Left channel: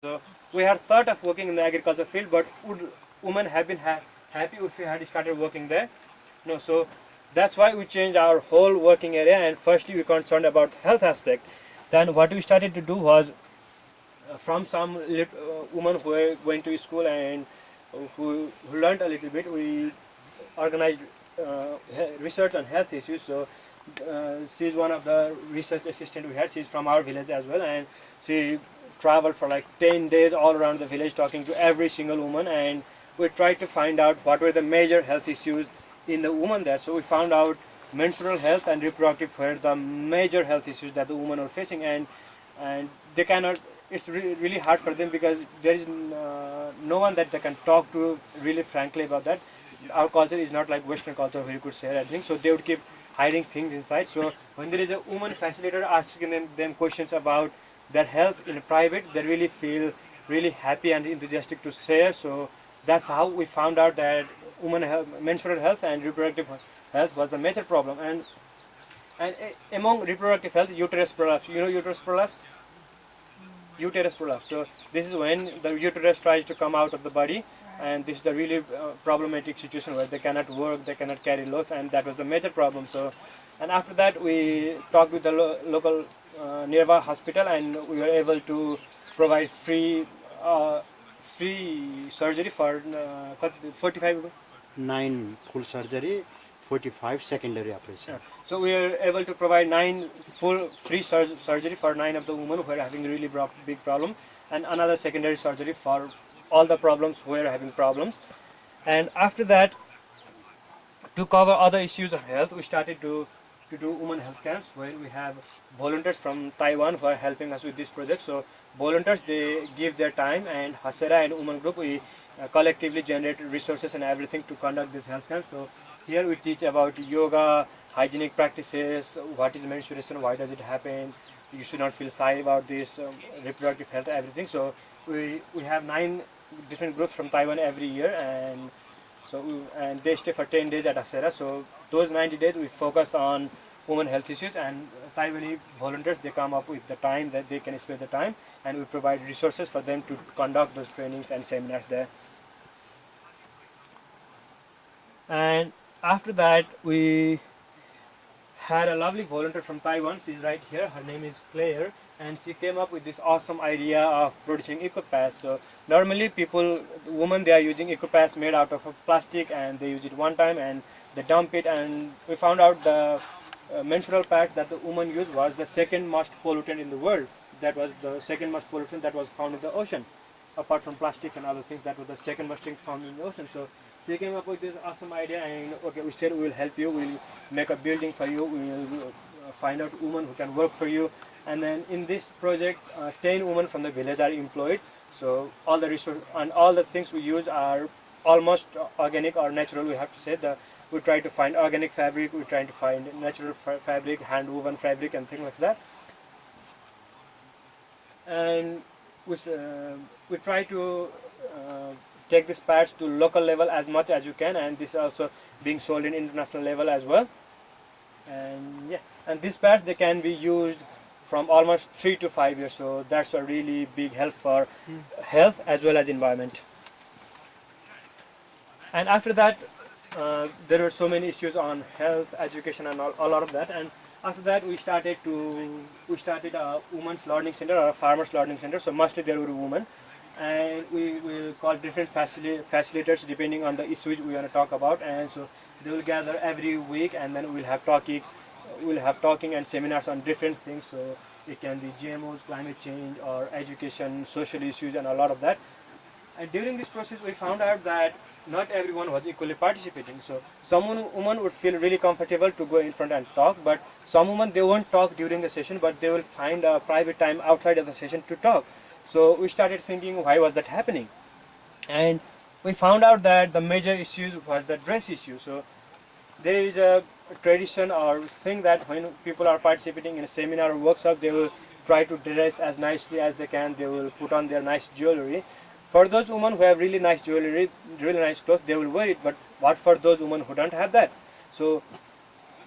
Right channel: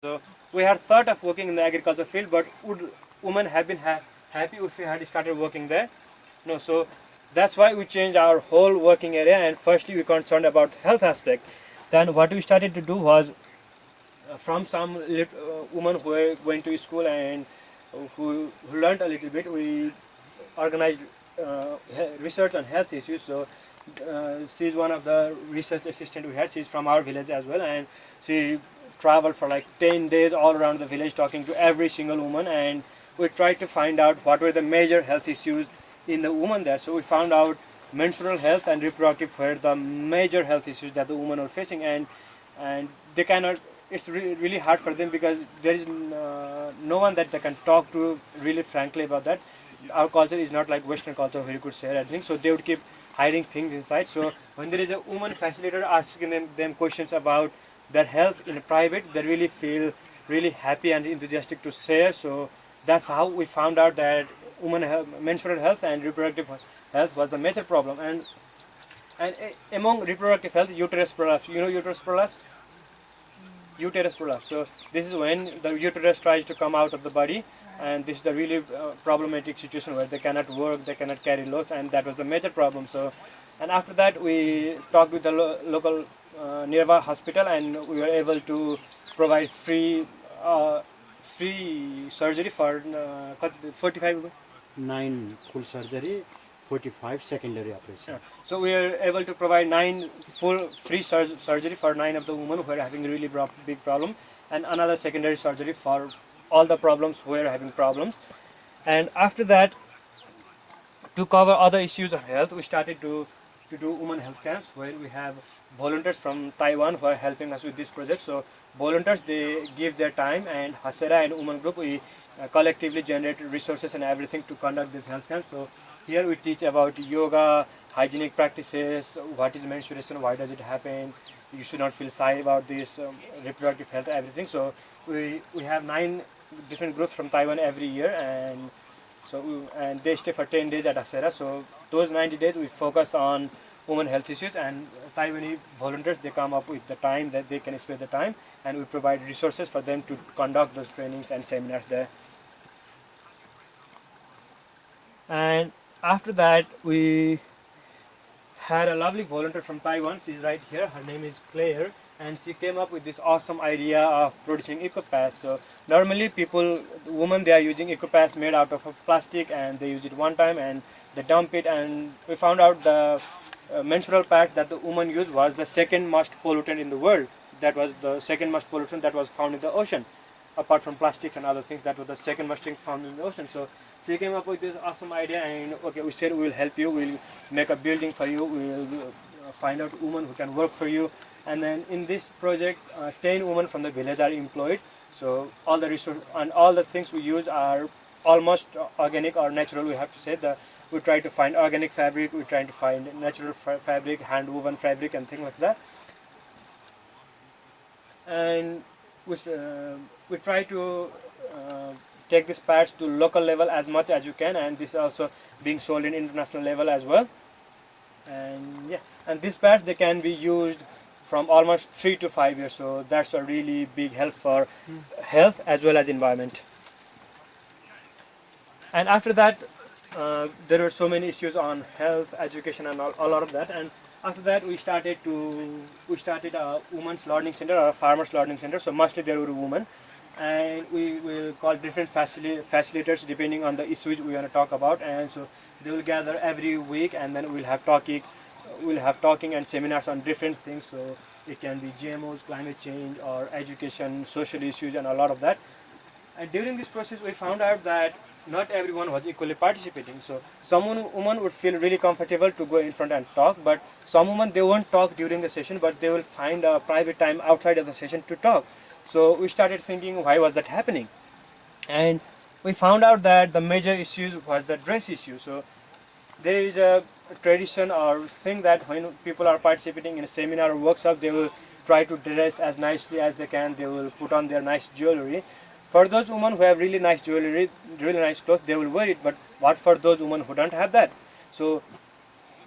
So we had thought of working in the agriculture field, but would women have been happy if we had started working there? No. So that's why we changed our whole working area, and firstly we concerned about health aspect. Then what we started to do was from some women who were going to school and who learned a little bit, we organized research on health issues. So she's one of the research assistant we had. She's from our village as well, and she traveled for like 10 days all around the village talking to every single woman, and we tried to find out what were the major health issues in the woman there. So we found out menstrual health and reproductive were the major health issues that the women were facing, and they cannot, it's really hard for them because there is no one that they can talk to really frankly about that. Our culture is not like Western culture where you could say everything, so they would keep hiding things inside. So when there is a woman facilitator asking them questions about their health in private, they really feel really happy and enthusiastic to share. So that's how we found out that women health, menstrual health and reproductive health was the major problem. And among reproductive health, uterus prolapse. You know uterus prolapse? Uterus prolapse. So this is when the uterus tries to come out of the body, and this is the really problematic situation where they cannot work, they cannot carry loads, and that was the major problem. So, and after that we talked with the local nearby hospital, and we were able to provide free surgery for 45. 9 full surgery, 45 secondary operation. So we are able to provide 9 full free surgery for 9 of the women who are having really big problem, and another secondary surgery for all the problems who are having problems. And after that, to cover other issues of health, we started to do women health camps where we have volunteers from Taiwan who are helping us with this project. So volunteers, they give their time, and Hasera and women group, we collectively generate resources and everything to conduct this health camp. So here we teach about yoga, hygienic practices, what is menstruation, why does it happen, you should not feel shy about this, reproductive health, everything. So we have 9 different groups from Taiwan every year, and and they stay for 10 days at Hasera. So those 90 days we focus on women health issues, and Taiwanese volunteers, they come up with the time that they can spare the time, and we provide resources for them to conduct those trainings and seminars there. And after that, we had a lovely volunteer from Taiwan. She's right here. Her name is Claire, and she came up with this awesome idea of producing eco-pads. So normally women, they are using eco-pads made out of plastic, and they use it one time and they dump it. And we found out the menstrual pad that the woman used was the second most pollutant in the world. That was the second most pollutant that was found in the ocean. Apart from plastics and other things, that was the second most thing found in the ocean. So she came up with this awesome idea, and okay, we said we'll help you, we'll make a building for you, we'll find out women who can work for you. And then in this project, 10 women from the village are employed. So all the resources and all the things we use are almost organic or natural. We have to say that we try to find organic fabric, we try to find natural fabric, hand woven fabric, and things like that. And we try to take these pads to local level as much as you can, and this is also being sold in international level as well. And yeah, and these pads, they can be used from almost 3 to 5 years, so that's a really big help for health as well as environment. And after that, there were so many issues on health, education, and a lot of that. And after that, we started a women's learning center or a farmers learning center. So mostly there were women, and we will call different facilitators depending on the issues we want to talk about. And so they will gather every week, and then we'll have talking and seminars on different things. So it can be GMOs, climate change, or education, social issues, and a lot of that. And during this process, we found out that not everyone was equally participating. So some women would feel really comfortable to go in front and talk, but some women, they won't talk during the session, but they will find a private time outside of the session to talk. So we started thinking, why was that happening? And we found out that the major issue was the dress issue. So there is a tradition or thing that when people are participating in a seminar or workshop, they will try to dress as nicely as they can. They will put on their nice jewelry. For those women who have really nice jewelry, really nice clothes, they will wear it. But what for those women who don't have that? So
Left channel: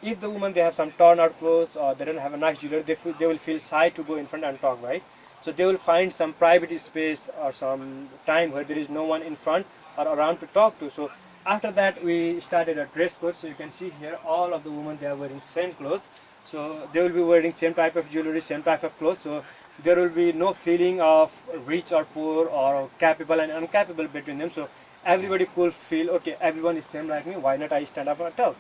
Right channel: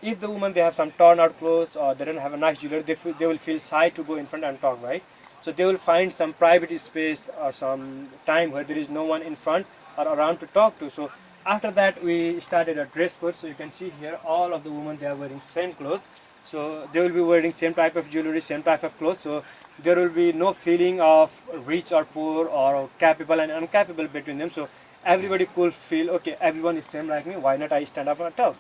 if the women, they have some torn out clothes or they don't have a nice jewelry, they will feel shy to go in front and talk, right? So they will find some private space or some time where there is no one in front or around to talk to. So after that we started a dress code. So you can see here all of the women, they are wearing same clothes. So they will be wearing same type of jewelry, same type of clothes. So there will be no feeling of rich or poor or capable and uncapable between them. So everybody could feel, okay, everyone is same like me, why not I stand up and talk.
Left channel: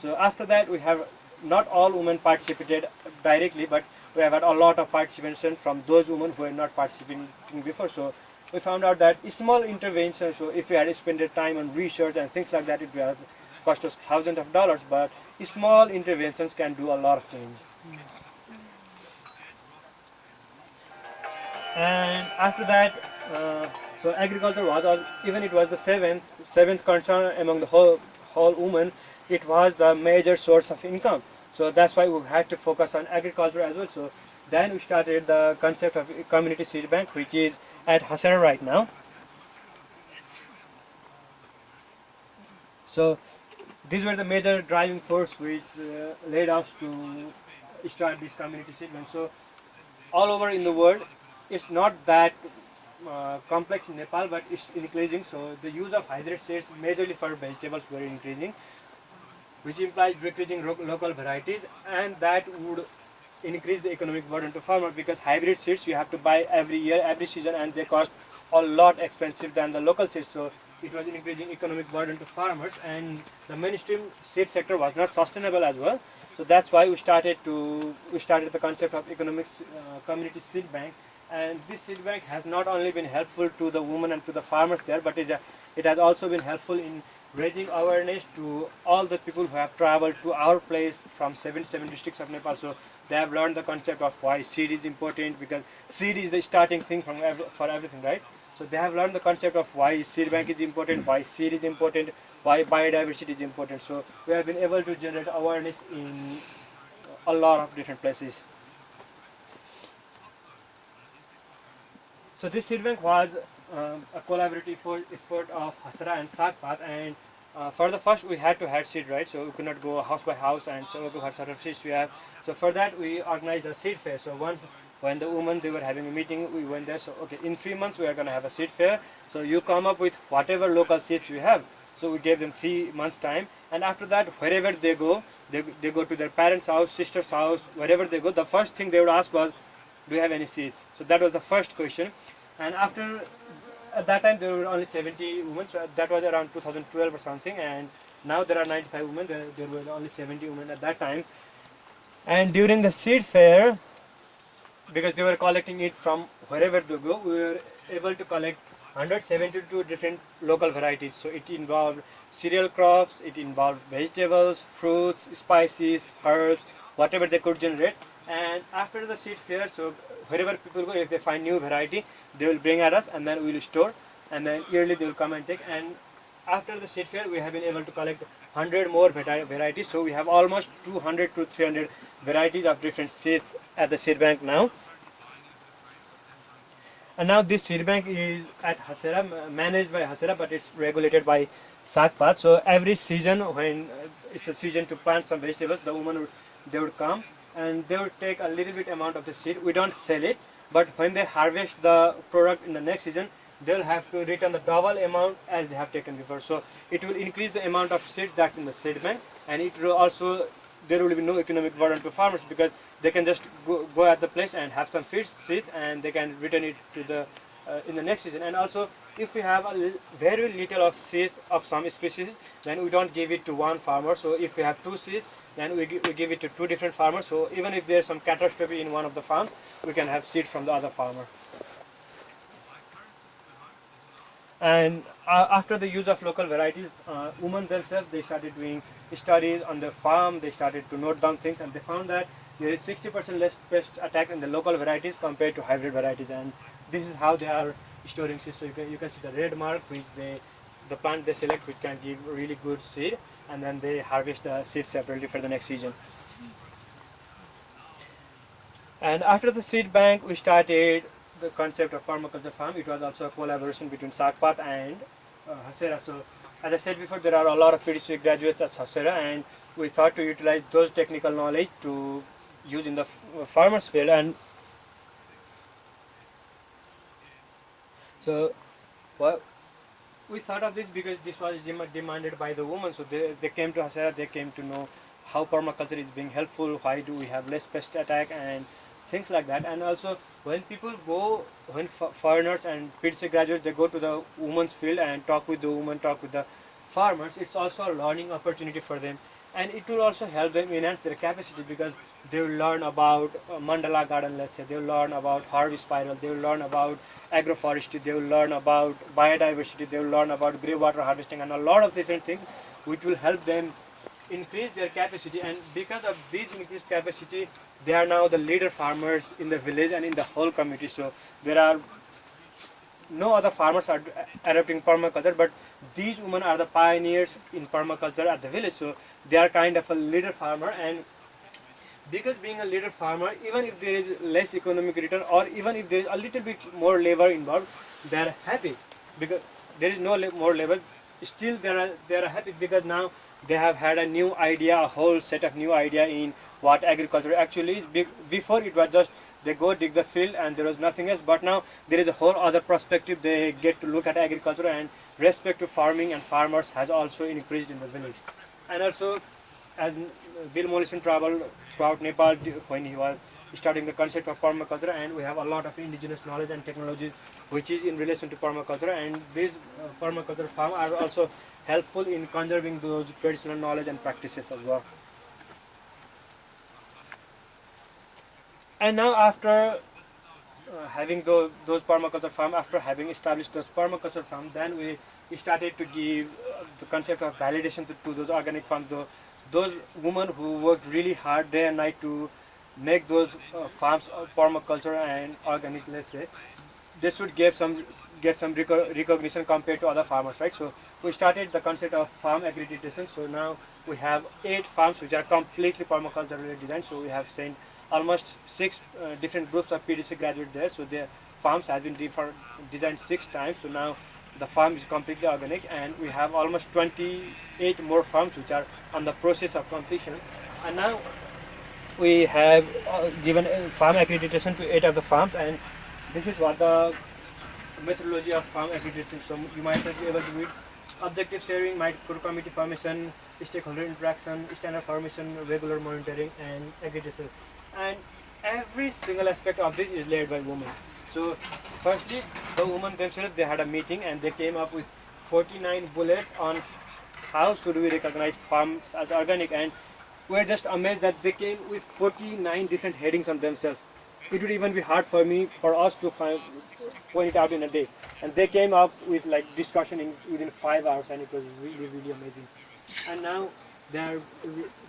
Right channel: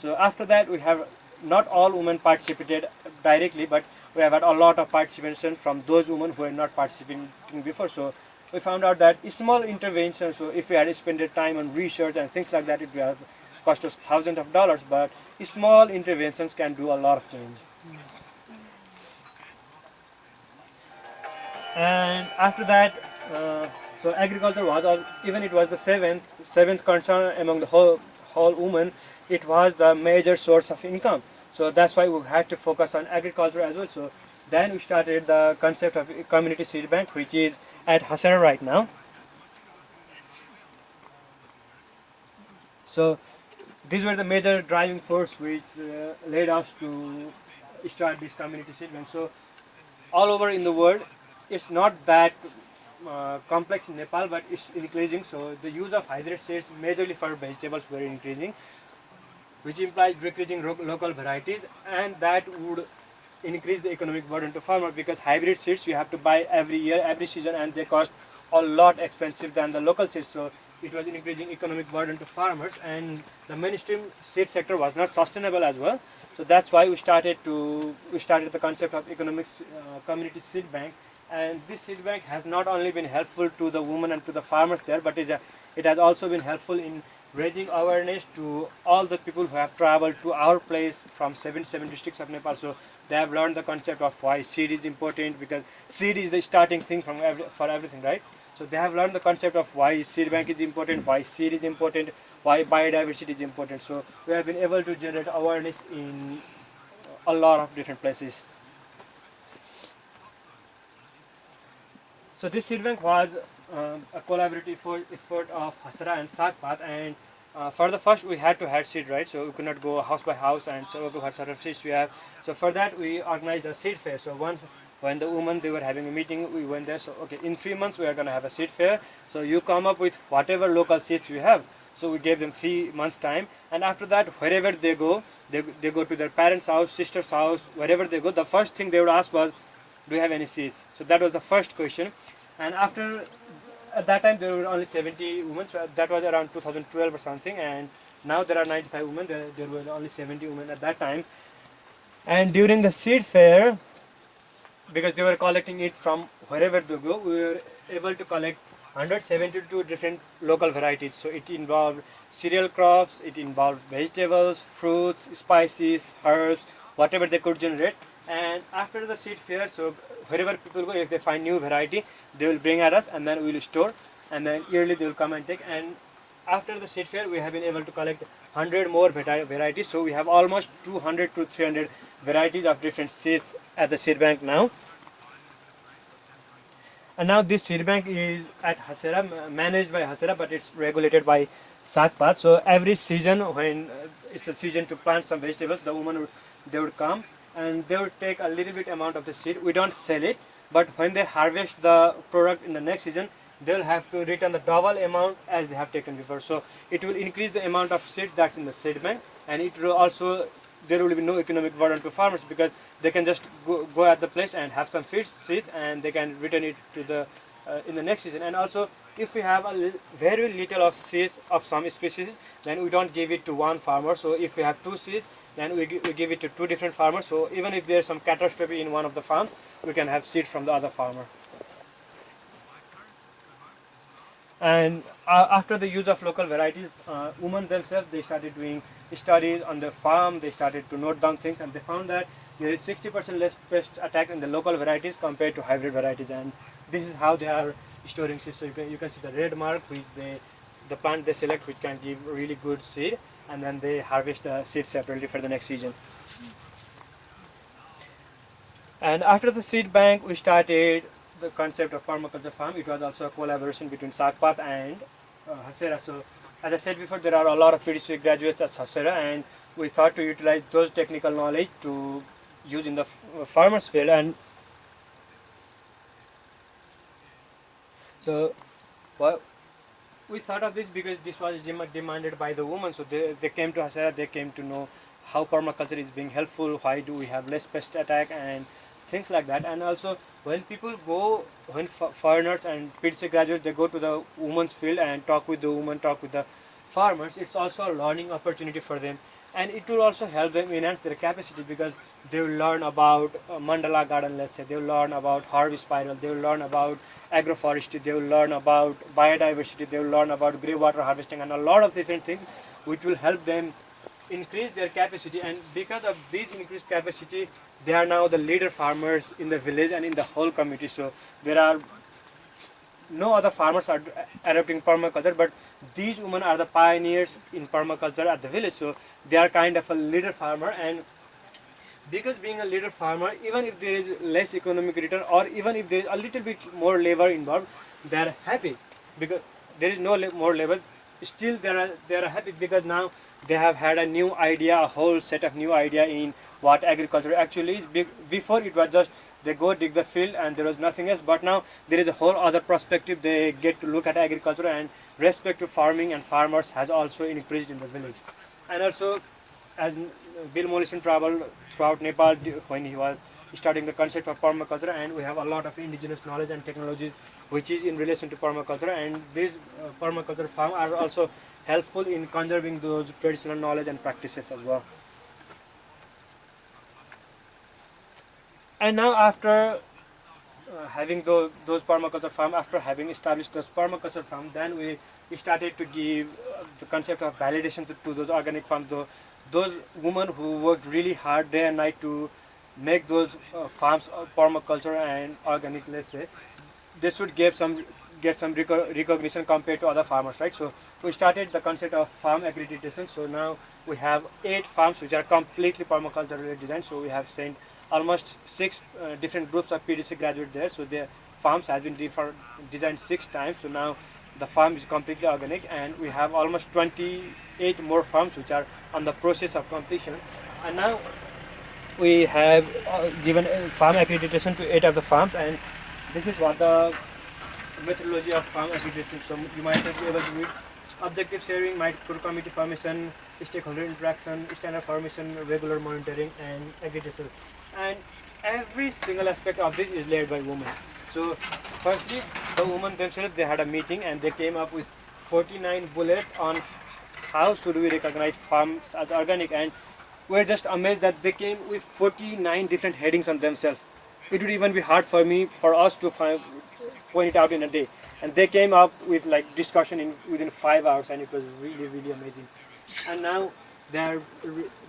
So after that we have, not all women participated directly, but we have had a lot of participation from those women who were not participating before. So we found out that small interventions, so if we had spent the time on research and things like that, it would have cost us thousands of dollars, but small interventions can do a lot of change. And after that, so agriculture was, even it was the seventh concern among the whole women, it was the major source of income. So that's why we had to focus on agriculture as well. So then we started the concept of community seed bank, which is at Hasera right now. So these were the major driving force which led us to start this community seed bank. So all over in the world, it's not that complex in Nepal, but it's increasing. So the use of hybrid seeds majorly for vegetables were increasing, which implies decreasing local varieties, and that would increase the economic burden to farmers, because hybrid seeds you have to buy every year, every season, and they cost a lot expensive than the local seeds. So it was increasing economic burden to farmers, and the mainstream seed sector was not sustainable as well. So that's why we started the concept of community seed bank. And this seed bank has not only been helpful to the women and to the farmers there, but it has also been helpful in raising awareness to all the people who have traveled to our place from 77 districts of Nepal. So they have learned the concept of why seed is important, because seed is the starting thing for everything, right? So they have learned the concept of why seed bank is important, why seed is important, why biodiversity is important. So we have been able to generate awareness in a lot of different places. So this seed bank was a collaborative effort of Hasera and Sakpat, and for the first we had to have seed, right? So we could not go house by house and say, okay, what sort of seeds we have. So for that we organized a seed fair. So once when the women, they were having a meeting, we went there. So okay, in 3 months we are going to have a seed fair. So you come up with whatever local seeds you have. So we gave them 3 months time, and after that wherever they go, they go to their parents' house, sister's house, wherever they go, the first thing they would ask was, do you have any seeds? So that was the first question. And after, at that time there were only 70 women, so that was around 2012 or something, and now there are 95 women. There were only 70 women at that time. And during the seed fair, because they were collecting it from wherever they go, we were able to collect 172 different local varieties. So it involved cereal crops, it involved vegetables, fruits, spices, herbs, whatever they could generate. And after the seed fair, so wherever people go, if they find new variety, they will bring at us, and then we will store, and then yearly they will come and take. And after the seed fair, we have been able to collect 100 more varieties. So we have almost 200 to 300 varieties of different seeds at the seed bank now. And now this seed bank is at Hasera, managed by Hasera, but it's regulated by Sakpat. So every season, when it's the season to plant some vegetables, the women they would come and they would take a little bit amount of the seed. We don't sell it, but when they harvest the product in the next season, they'll have to return the double amount as they have taken before. So it will increase the amount of seed that's in the seed bank, and it will also, there will be no economic burden to farmers, because they can just go at the place and have some seeds, and they can return it to the in the next season. And also, if we have very little of seeds of some species, then we don't give it to one farmer. So if we have 2 seeds, then we give it to 2 different farmers. So even if there's some catastrophe in one of the farms, we can have seed from the other farmer. And after the use of local varieties, women themselves, they started doing studies on the farm. They started to note down things, and they found that there is 60% less pest attack in the local varieties compared to hybrid varieties. And this is how they are storing seeds. So you can see the red mark, which the plant they select, which can give really good seed, and then they harvest the seed separately for the next season. And after the seed bank, we started the concept of permaculture farm. It was also a collaboration between Sakpat and Hasera. So as I said before, there are a lot of PDC graduates at Hasera, and we thought to utilize those technical knowledge to use in the farmers field. And So, well, we thought of this because this was demanded by the women. So they came to Hasera, they came to know how permaculture is being helpful, why do we have less pest attack and things like that. And also when people go, when foreigners and PhD graduates, they go to the women's field and talk with the women, talk with the farmers, it's also a learning opportunity for them. And it will also help them enhance their capacity because they will learn about mandala garden, let's say, they will learn about harvest spiral, they will learn about agroforestry, they will learn about biodiversity, they will learn about grey water harvesting and a lot of different things which will help them increase their capacity. And because of this increased capacity, they are now the leader farmers in the village and in the whole community. So there are no other farmers are adopting permaculture, but these women are the pioneers in permaculture at the village. So they are kind of a leader farmer, and because being a leader farmer, even if there is less economic return or even if there is a little bit more labor involved, they are happy because there is no more labor. Still, they are happy because now they have had a new idea, a whole set of new idea in what agriculture actually is. Before it was just they go dig the field and there was nothing else, but now there is a whole other perspective. They get to look at agriculture, and respect to farming and farmers has also increased in the village. And also, as Bill Mollison traveled throughout Nepal when he was studying the concept of permaculture, and we have a lot of indigenous knowledge and technologies which is in relation to permaculture, and these permaculture farms are also helpful in conserving those traditional knowledge and practices as well. And now after having those permaculture farm, after having established those permaculture farm, then we started to give the concept of validation to those organic farms. Those women who worked really hard day and night to make those farms of permaculture and organic, let's say, they should get some recognition compared to other farmers, right? So we started the concept of farm accreditation. So now we have 8 farms which are completely permaculture related design. So we have sent almost 6 different groups of PDC graduates there. So the farms has been designed 6 times. So now the farm is completely organic, and we have almost 28 more farms which are on the process of completion. And now we have given farm accreditation to 8 of the farms, and this is what the methodology of farm accreditation. So you might not be able to read: objective sharing, micro committee formation, stakeholder interaction, standard formation, regular monitoring, and accreditation. And every single aspect of this is led by women. So firstly, the women themselves, they had a meeting and they came up with 49 bullets on how should we recognize farms as organic, and we're just amazed that they came with 49 different headings on themselves. It would even be hard for us to point it out in a day, and they came up with like discussion within 5 hours, and it was really amazing. And now they are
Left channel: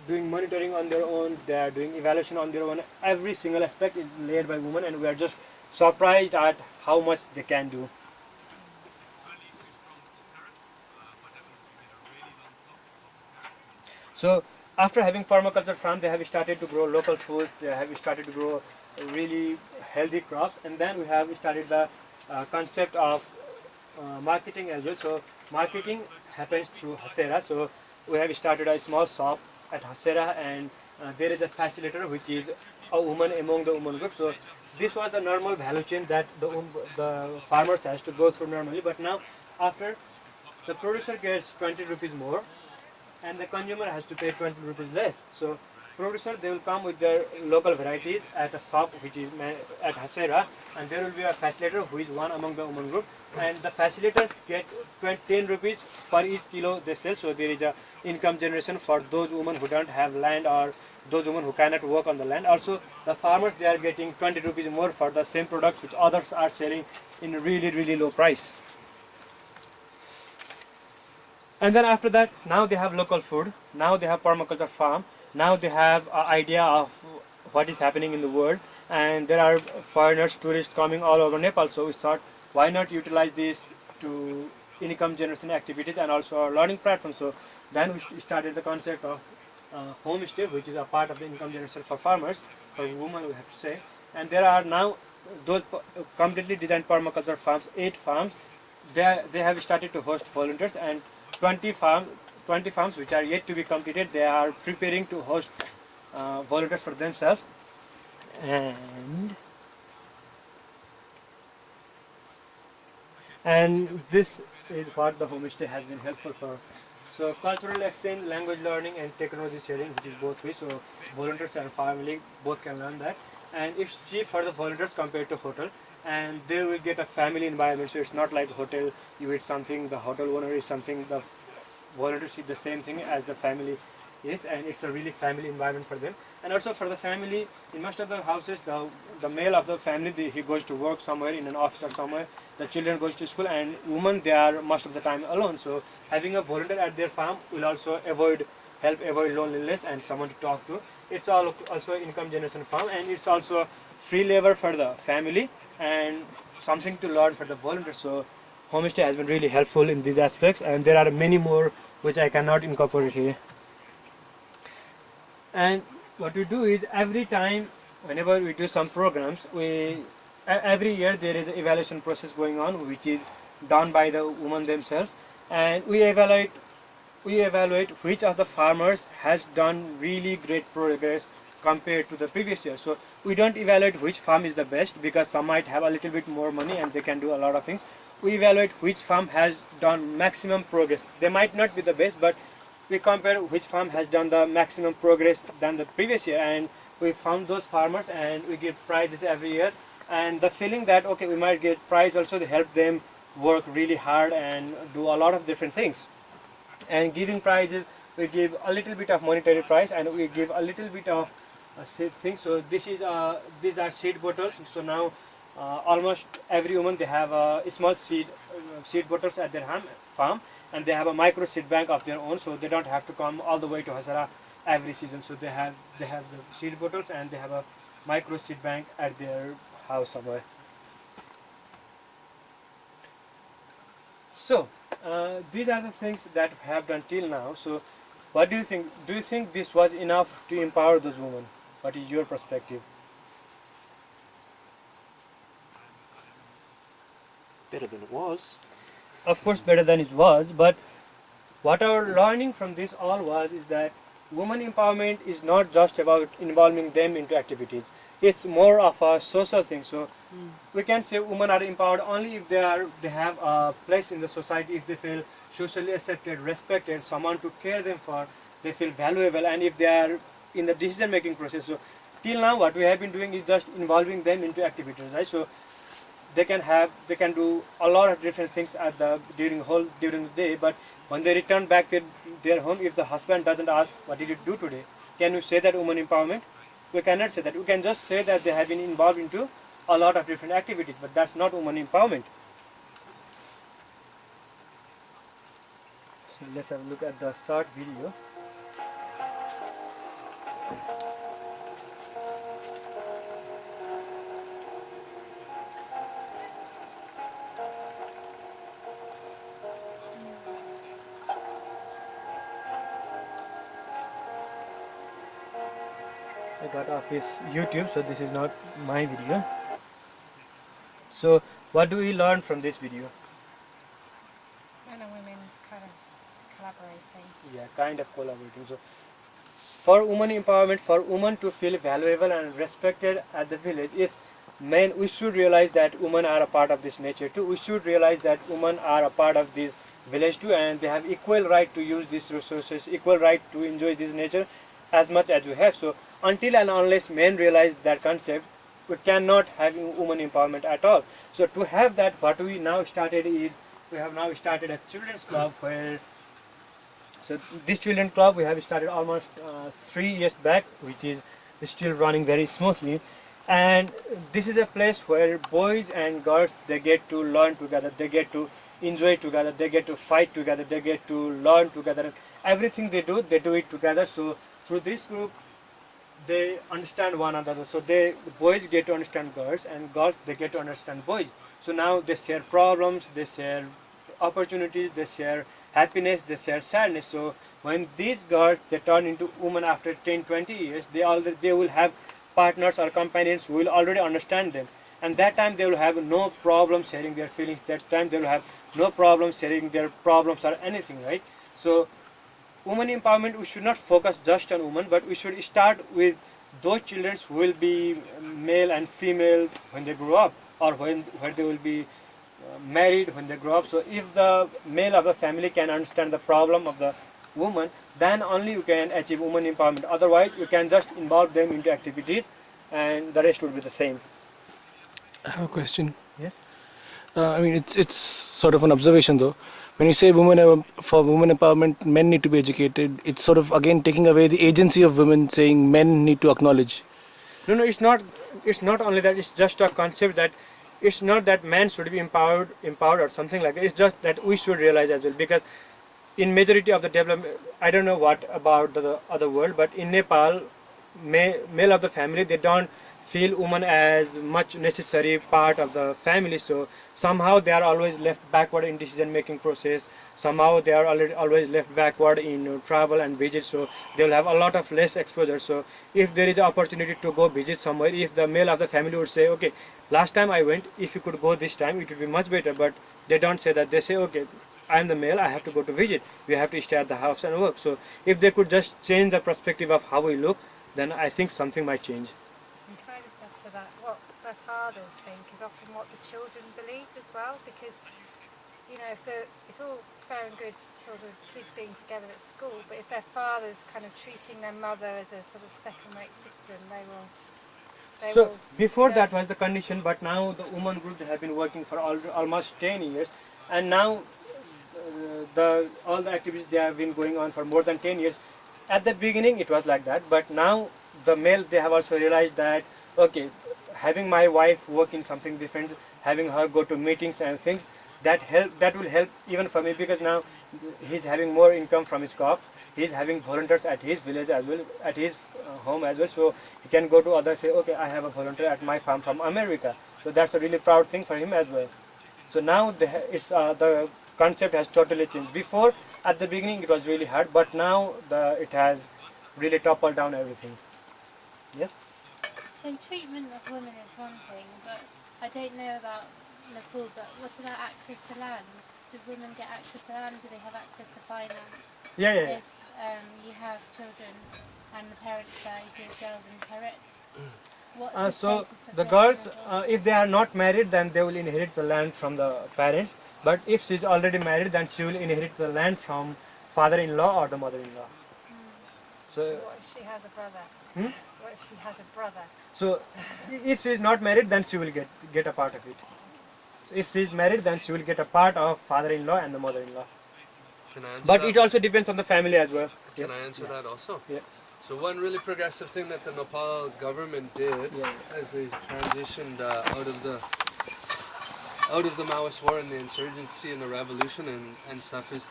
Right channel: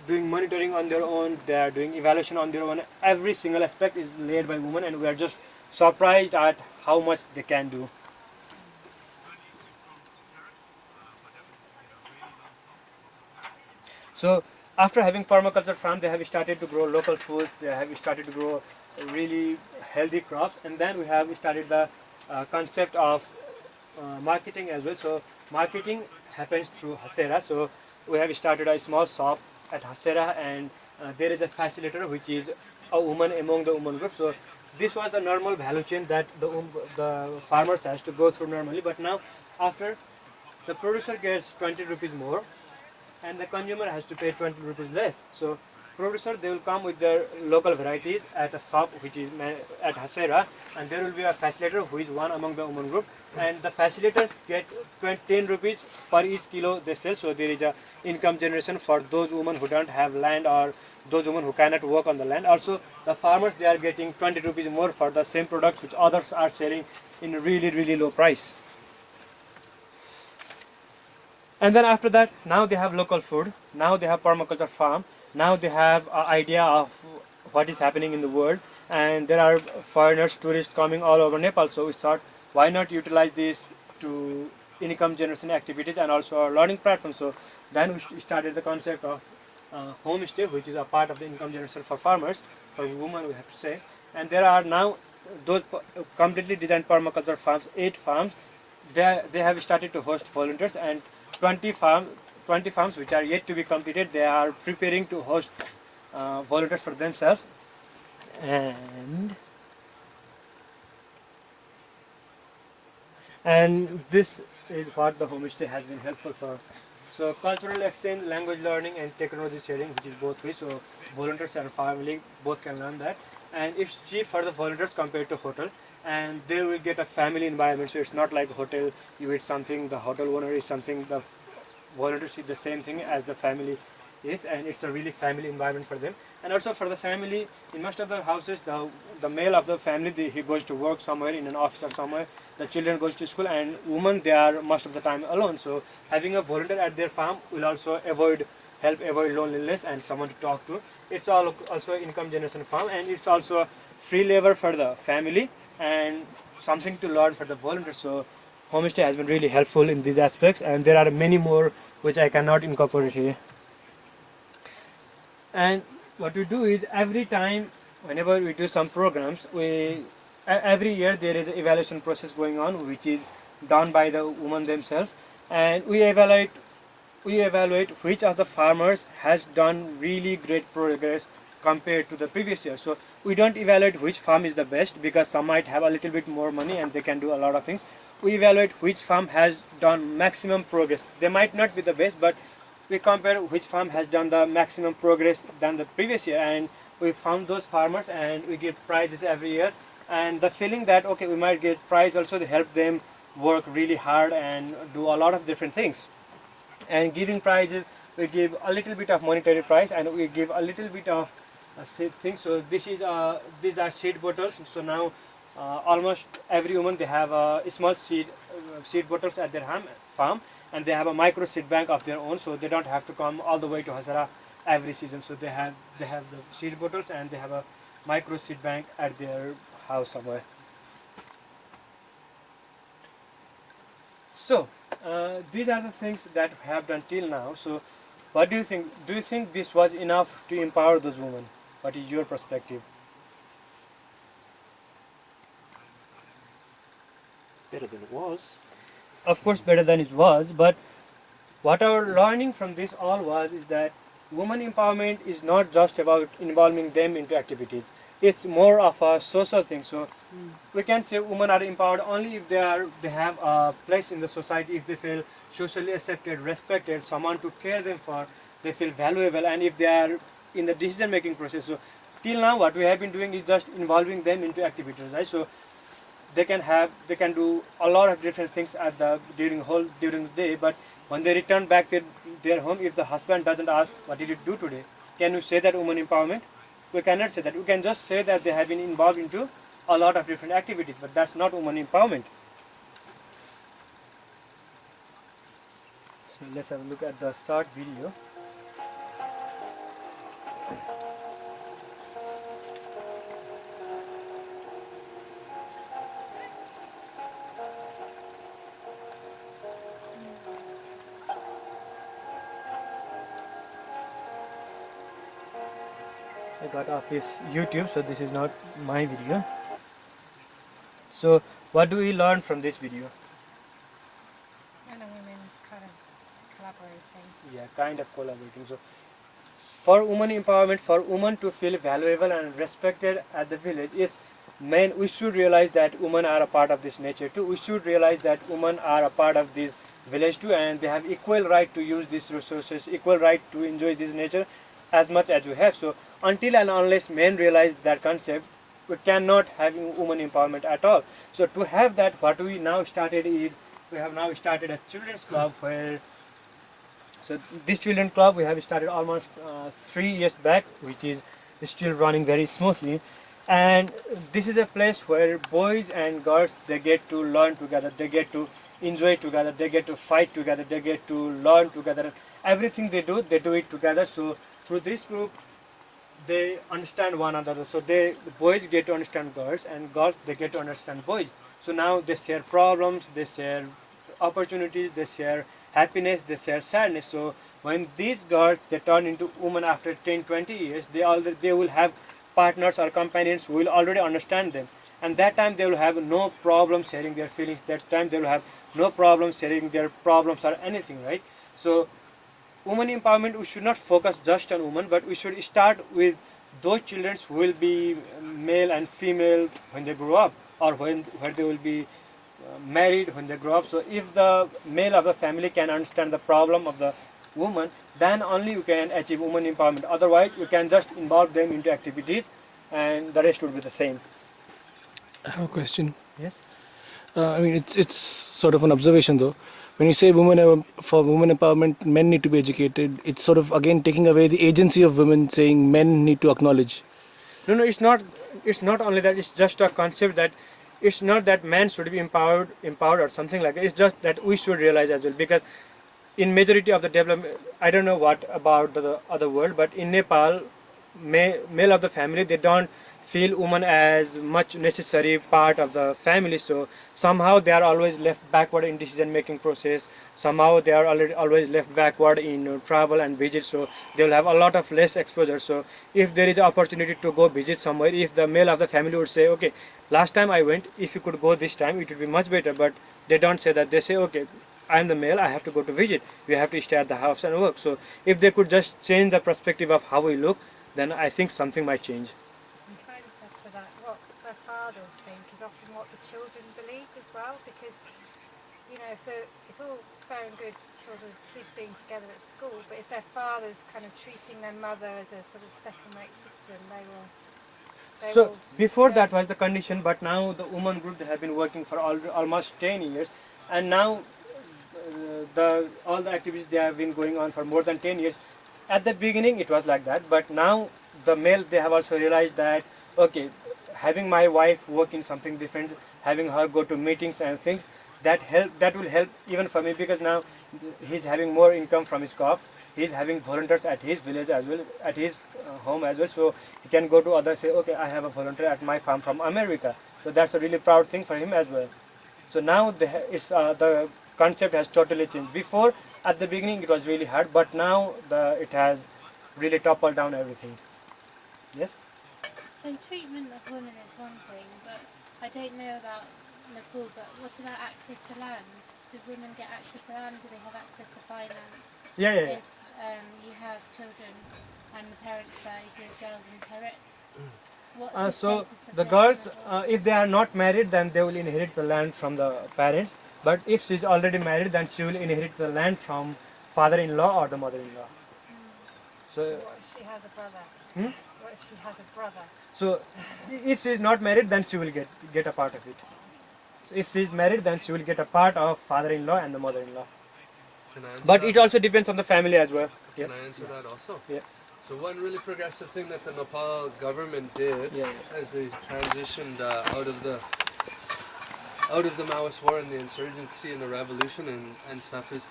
doing monitoring on their own, they are doing evaluation on their own. Every single aspect is led by women, and we are just surprised at how much they can do. So after having permaculture farm, they have started to grow local foods, they have started to grow really healthy crops, and then we have started the concept of marketing as well. So marketing happens through Hasera. So we have started a small shop at Hasera, and there is a facilitator which is a woman among the women group. So this was the normal value chain that the farmers has to go through normally, but now after the producer gets 20 rupees more and the consumer has to pay 20 rupees less. So producer, they will come with their local varieties at a shop which is at Hasera, and there will be a facilitator who is one among the women group, and the facilitators get 10 rupees per each kilo they sell. So there is a income generation for those women who don't have land or those women who cannot work on the land. Also the farmers, they are getting 20 rupees more for the same products which others are selling in really low price. And then after that, now they have local food, now they have permaculture farm, now they have an idea of what is happening in the world, and there are foreigners, tourists coming all over Nepal. So we thought, why not utilize this to income generation activities and also our learning platform. So then we started the concept of homestay, which is a part of the income generation for farmers, for women we have to say. And there are now those completely designed permaculture farms, 8 farms. They have started to host volunteers, and 20 farms which are yet to be completed, they are preparing to host volunteers for themselves. and this is what the homestay has been helpful for. So cultural exchange, language learning, and technology sharing, which is both ways. So volunteers and family both can learn that, and it's cheap for the volunteers compared to hotel, and they will get a family environment. So it's not like hotel. You eat something, the hotel owner is something, the volunteers eat the same thing as the family is, and it's a really family environment for them. And also for the family, in most of the houses, the male of the family, he goes to work somewhere in an office or somewhere. The children goes to school, and women, they are most of the time alone. So having a volunteer at their farm will also help avoid loneliness and someone to talk to. It's all also income generation farm, and it's also free labor for the family and something to learn for the volunteers. So homestay has been really helpful in these aspects, and there are many more which I cannot incorporate here. And what we do is, every time whenever we do some programs, every year there is an evaluation process going on, which is done by the women themselves, and we evaluate which of the farmers has done really great progress compared to the previous year. So we don't evaluate which farm is the best, because some might have a little bit more money and they can do a lot of things. We evaluate which farm has done maximum progress. They might not be the best, but we compare which farm has done the maximum progress than the previous year, and we found those farmers and we give prizes every year. And the feeling that, okay, we might get prize also, to help them work really hard and do a lot of different things. And giving prizes, we give a little bit of monetary prize, and we give a little bit of seed things. So these are seed bottles. So now almost every woman, they have small seed bottles at their farm, and they have a micro seed bank of their own, so they don't have to come all the way to Hasera every season. So they have the seed bottles, and they have a micro seed bank at their house somewhere. So these are the things that we have done till now. So what do you think? Do you think this was enough to empower those women? What is your perspective? Better than it was. Of course, better than it was, but what our learning from this all was is that women empowerment is not just about involving them into activities. It's more of a social thing. So we can say women are empowered only if they have a place in the society, if they feel socially accepted, respected, someone to care them for, they feel valuable, and if they are in the decision making process. So till now what we have been doing is just involving them into activities, right? So they can do a lot of different things during the day, but when they return back to their home, if the husband doesn't ask, what did you do today, can you say that woman empowerment? We cannot say that. We can just say that they have been involved into a lot of different activities, but that's not woman empowerment. So let's have a look at the short video. I got off this YouTube, so this is not my video. So what do we learn from this video? Men and women kind of collaborating. Yeah, kind of collaborating. So for women empowerment, for women to feel valuable and respected at the village, it's men, we should realize that women are a part of this nature too. We should realize that women are a part of this village too, and they have equal right to use these resources, equal right to enjoy this nature as much as we have. So until and unless men realize that concept, we cannot have women empowerment at all. So to have that, what we now started is, we have now started a children's club where, so this children's club we have started almost 3 years back, which is still running very smoothly. And this is a place where boys and girls, they get to learn together, they get to enjoy together, they get to fight together, they get to learn together. Everything they do it together. So through this group, they understand one another. So the boys get to understand girls, and girls, they get to understand boys. So now they share problems, they share opportunities, they share happiness, they share sadness. So when these girls, they turn into women after 10-20 years, they will have partners or companions who will already understand them, and that time they will have no problem sharing their feelings. That time they will have no problem sharing their problems or anything, right? So women empowerment, we should not focus just on women, but we should start with those children who will be male and female when they grow up, or where they will be married when they grow up. So if the male of the family can understand the problem of the woman, then only you can achieve woman empowerment. Otherwise, you can just involve them into activities, and the rest would be the same. I have a question. Yes. I mean, it's sort of an observation though. When you say for women empowerment, men need to be educated. It's sort of again taking away the agency of women, saying men need to acknowledge. No, it's not. It's not only that. It's just a concept that it's not that man should be empowered or something like that. It's just that we should realize as well, because in majority of the development, I don't know what about the other world, but in Nepal, male of the family, they don't feel women as much necessary part of the family. So somehow they are always left backward in decision making process. Somehow they are always left backward in travel and visit. So they will have a lot of less exposure. So if there is an opportunity to go visit somewhere, if the male of the family would say, okay, last time I went, if you could go this time, it would be much better. But they don't say that. They say, okay, I am the male, I have to go to visit. We have to stay at the house and work. So if they could just change the perspective of how we look, then I think something might change. And can I just add to that, what their fathers think is often what the children believe as well, because, you know, it's all fair and good sort of kids being together at school, but if their father's kind of treating their mother as a sort of second-rate citizen, So before that was the condition, but now the women group, they have been working for almost 10 years, and now all the activities, they have been going on for more than 10 years. At the beginning it was like that, but now the male, they have also realized that, okay, having my wife work in something different, having her go to meetings and things, that will help even for me, because now he's having more income from his crop. He's having volunteers at his village as well, at his home as well, so he can go to others, say, okay, I have a volunteer at my farm from America. So that's a really proud thing for him as well. So now the concept has totally changed. Before, at the beginning, it was really hard, but now it has really toppled down everything. Yes? So treatment of women is one thing, but I don't know about Nepal, but what about access to land? Do women get access to land? Do they have access to finance? Yeah. If you have children and the parents die, do girls inherit? What's So status of the their girls, children? if they are not married, then they will inherit the land from the parents. But if she is already married, then she will inherit the land from father-in-law or the mother-in-law. So, what if she has a brother? Hmm? What if she has a brother? so if she is not married, then she will get a part of it. So if she is married, then she will get a part of father-in-law and the mother-in-law. Can I answer But that? it also depends on the family as well. Can I answer that also? Yeah. So one really progressive thing that the Nepal government did as they transitioned out of the Maoist war and the insurgency and the revolution and stuff is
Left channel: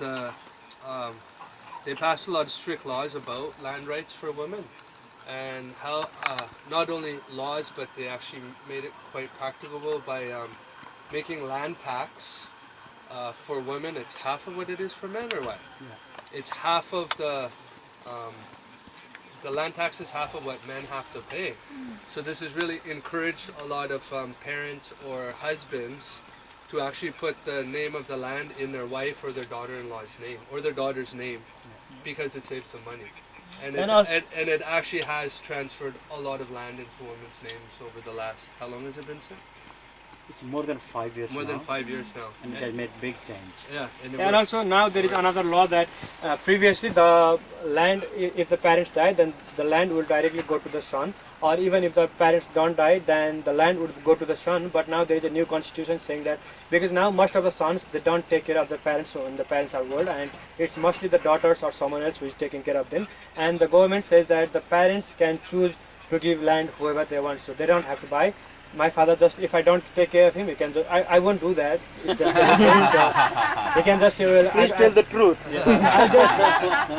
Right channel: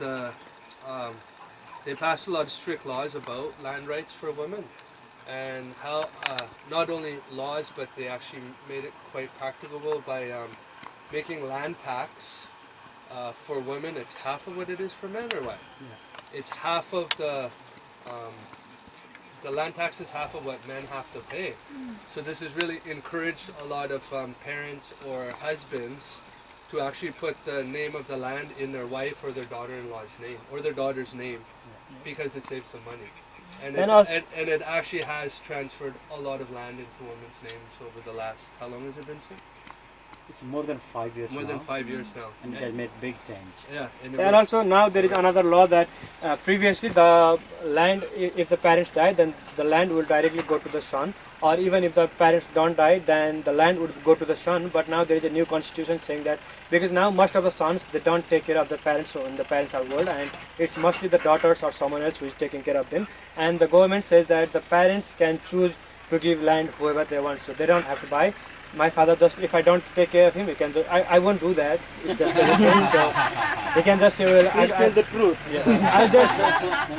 they passed a lot of strict laws about land rights for women, and how not only laws, but they actually made it quite practicable by making land tax for women. It's half of what it is for men, or what? Yeah. It's half of the land tax is half of what men have to pay. So this has really encouraged a lot of parents or husbands to actually put the name of the land in their wife or their daughter-in-law's name or their daughter's name, because it saves them money. And it actually has transferred a lot of land into women's names over the last, how long has it been, sir? It's more than 5 years More now. than 5 years now. And it has made big change. Yeah. And also now there is another law that previously the land, if the parents die, then the land will directly go to the son, or even if the parents don't die, then the land would go to the son. But now there is a new constitution saying that, because now most of the sons, they don't take care of the parents, so when the parents are old, and it's mostly the daughters or someone else who is taking care of them. And the government says that the parents can choose to give land whoever they want, so they don't have to buy. My father just, if I don't take care of him, he can just, I won't do that. It's just so he can just say, well, Please tell the truth. I'll just,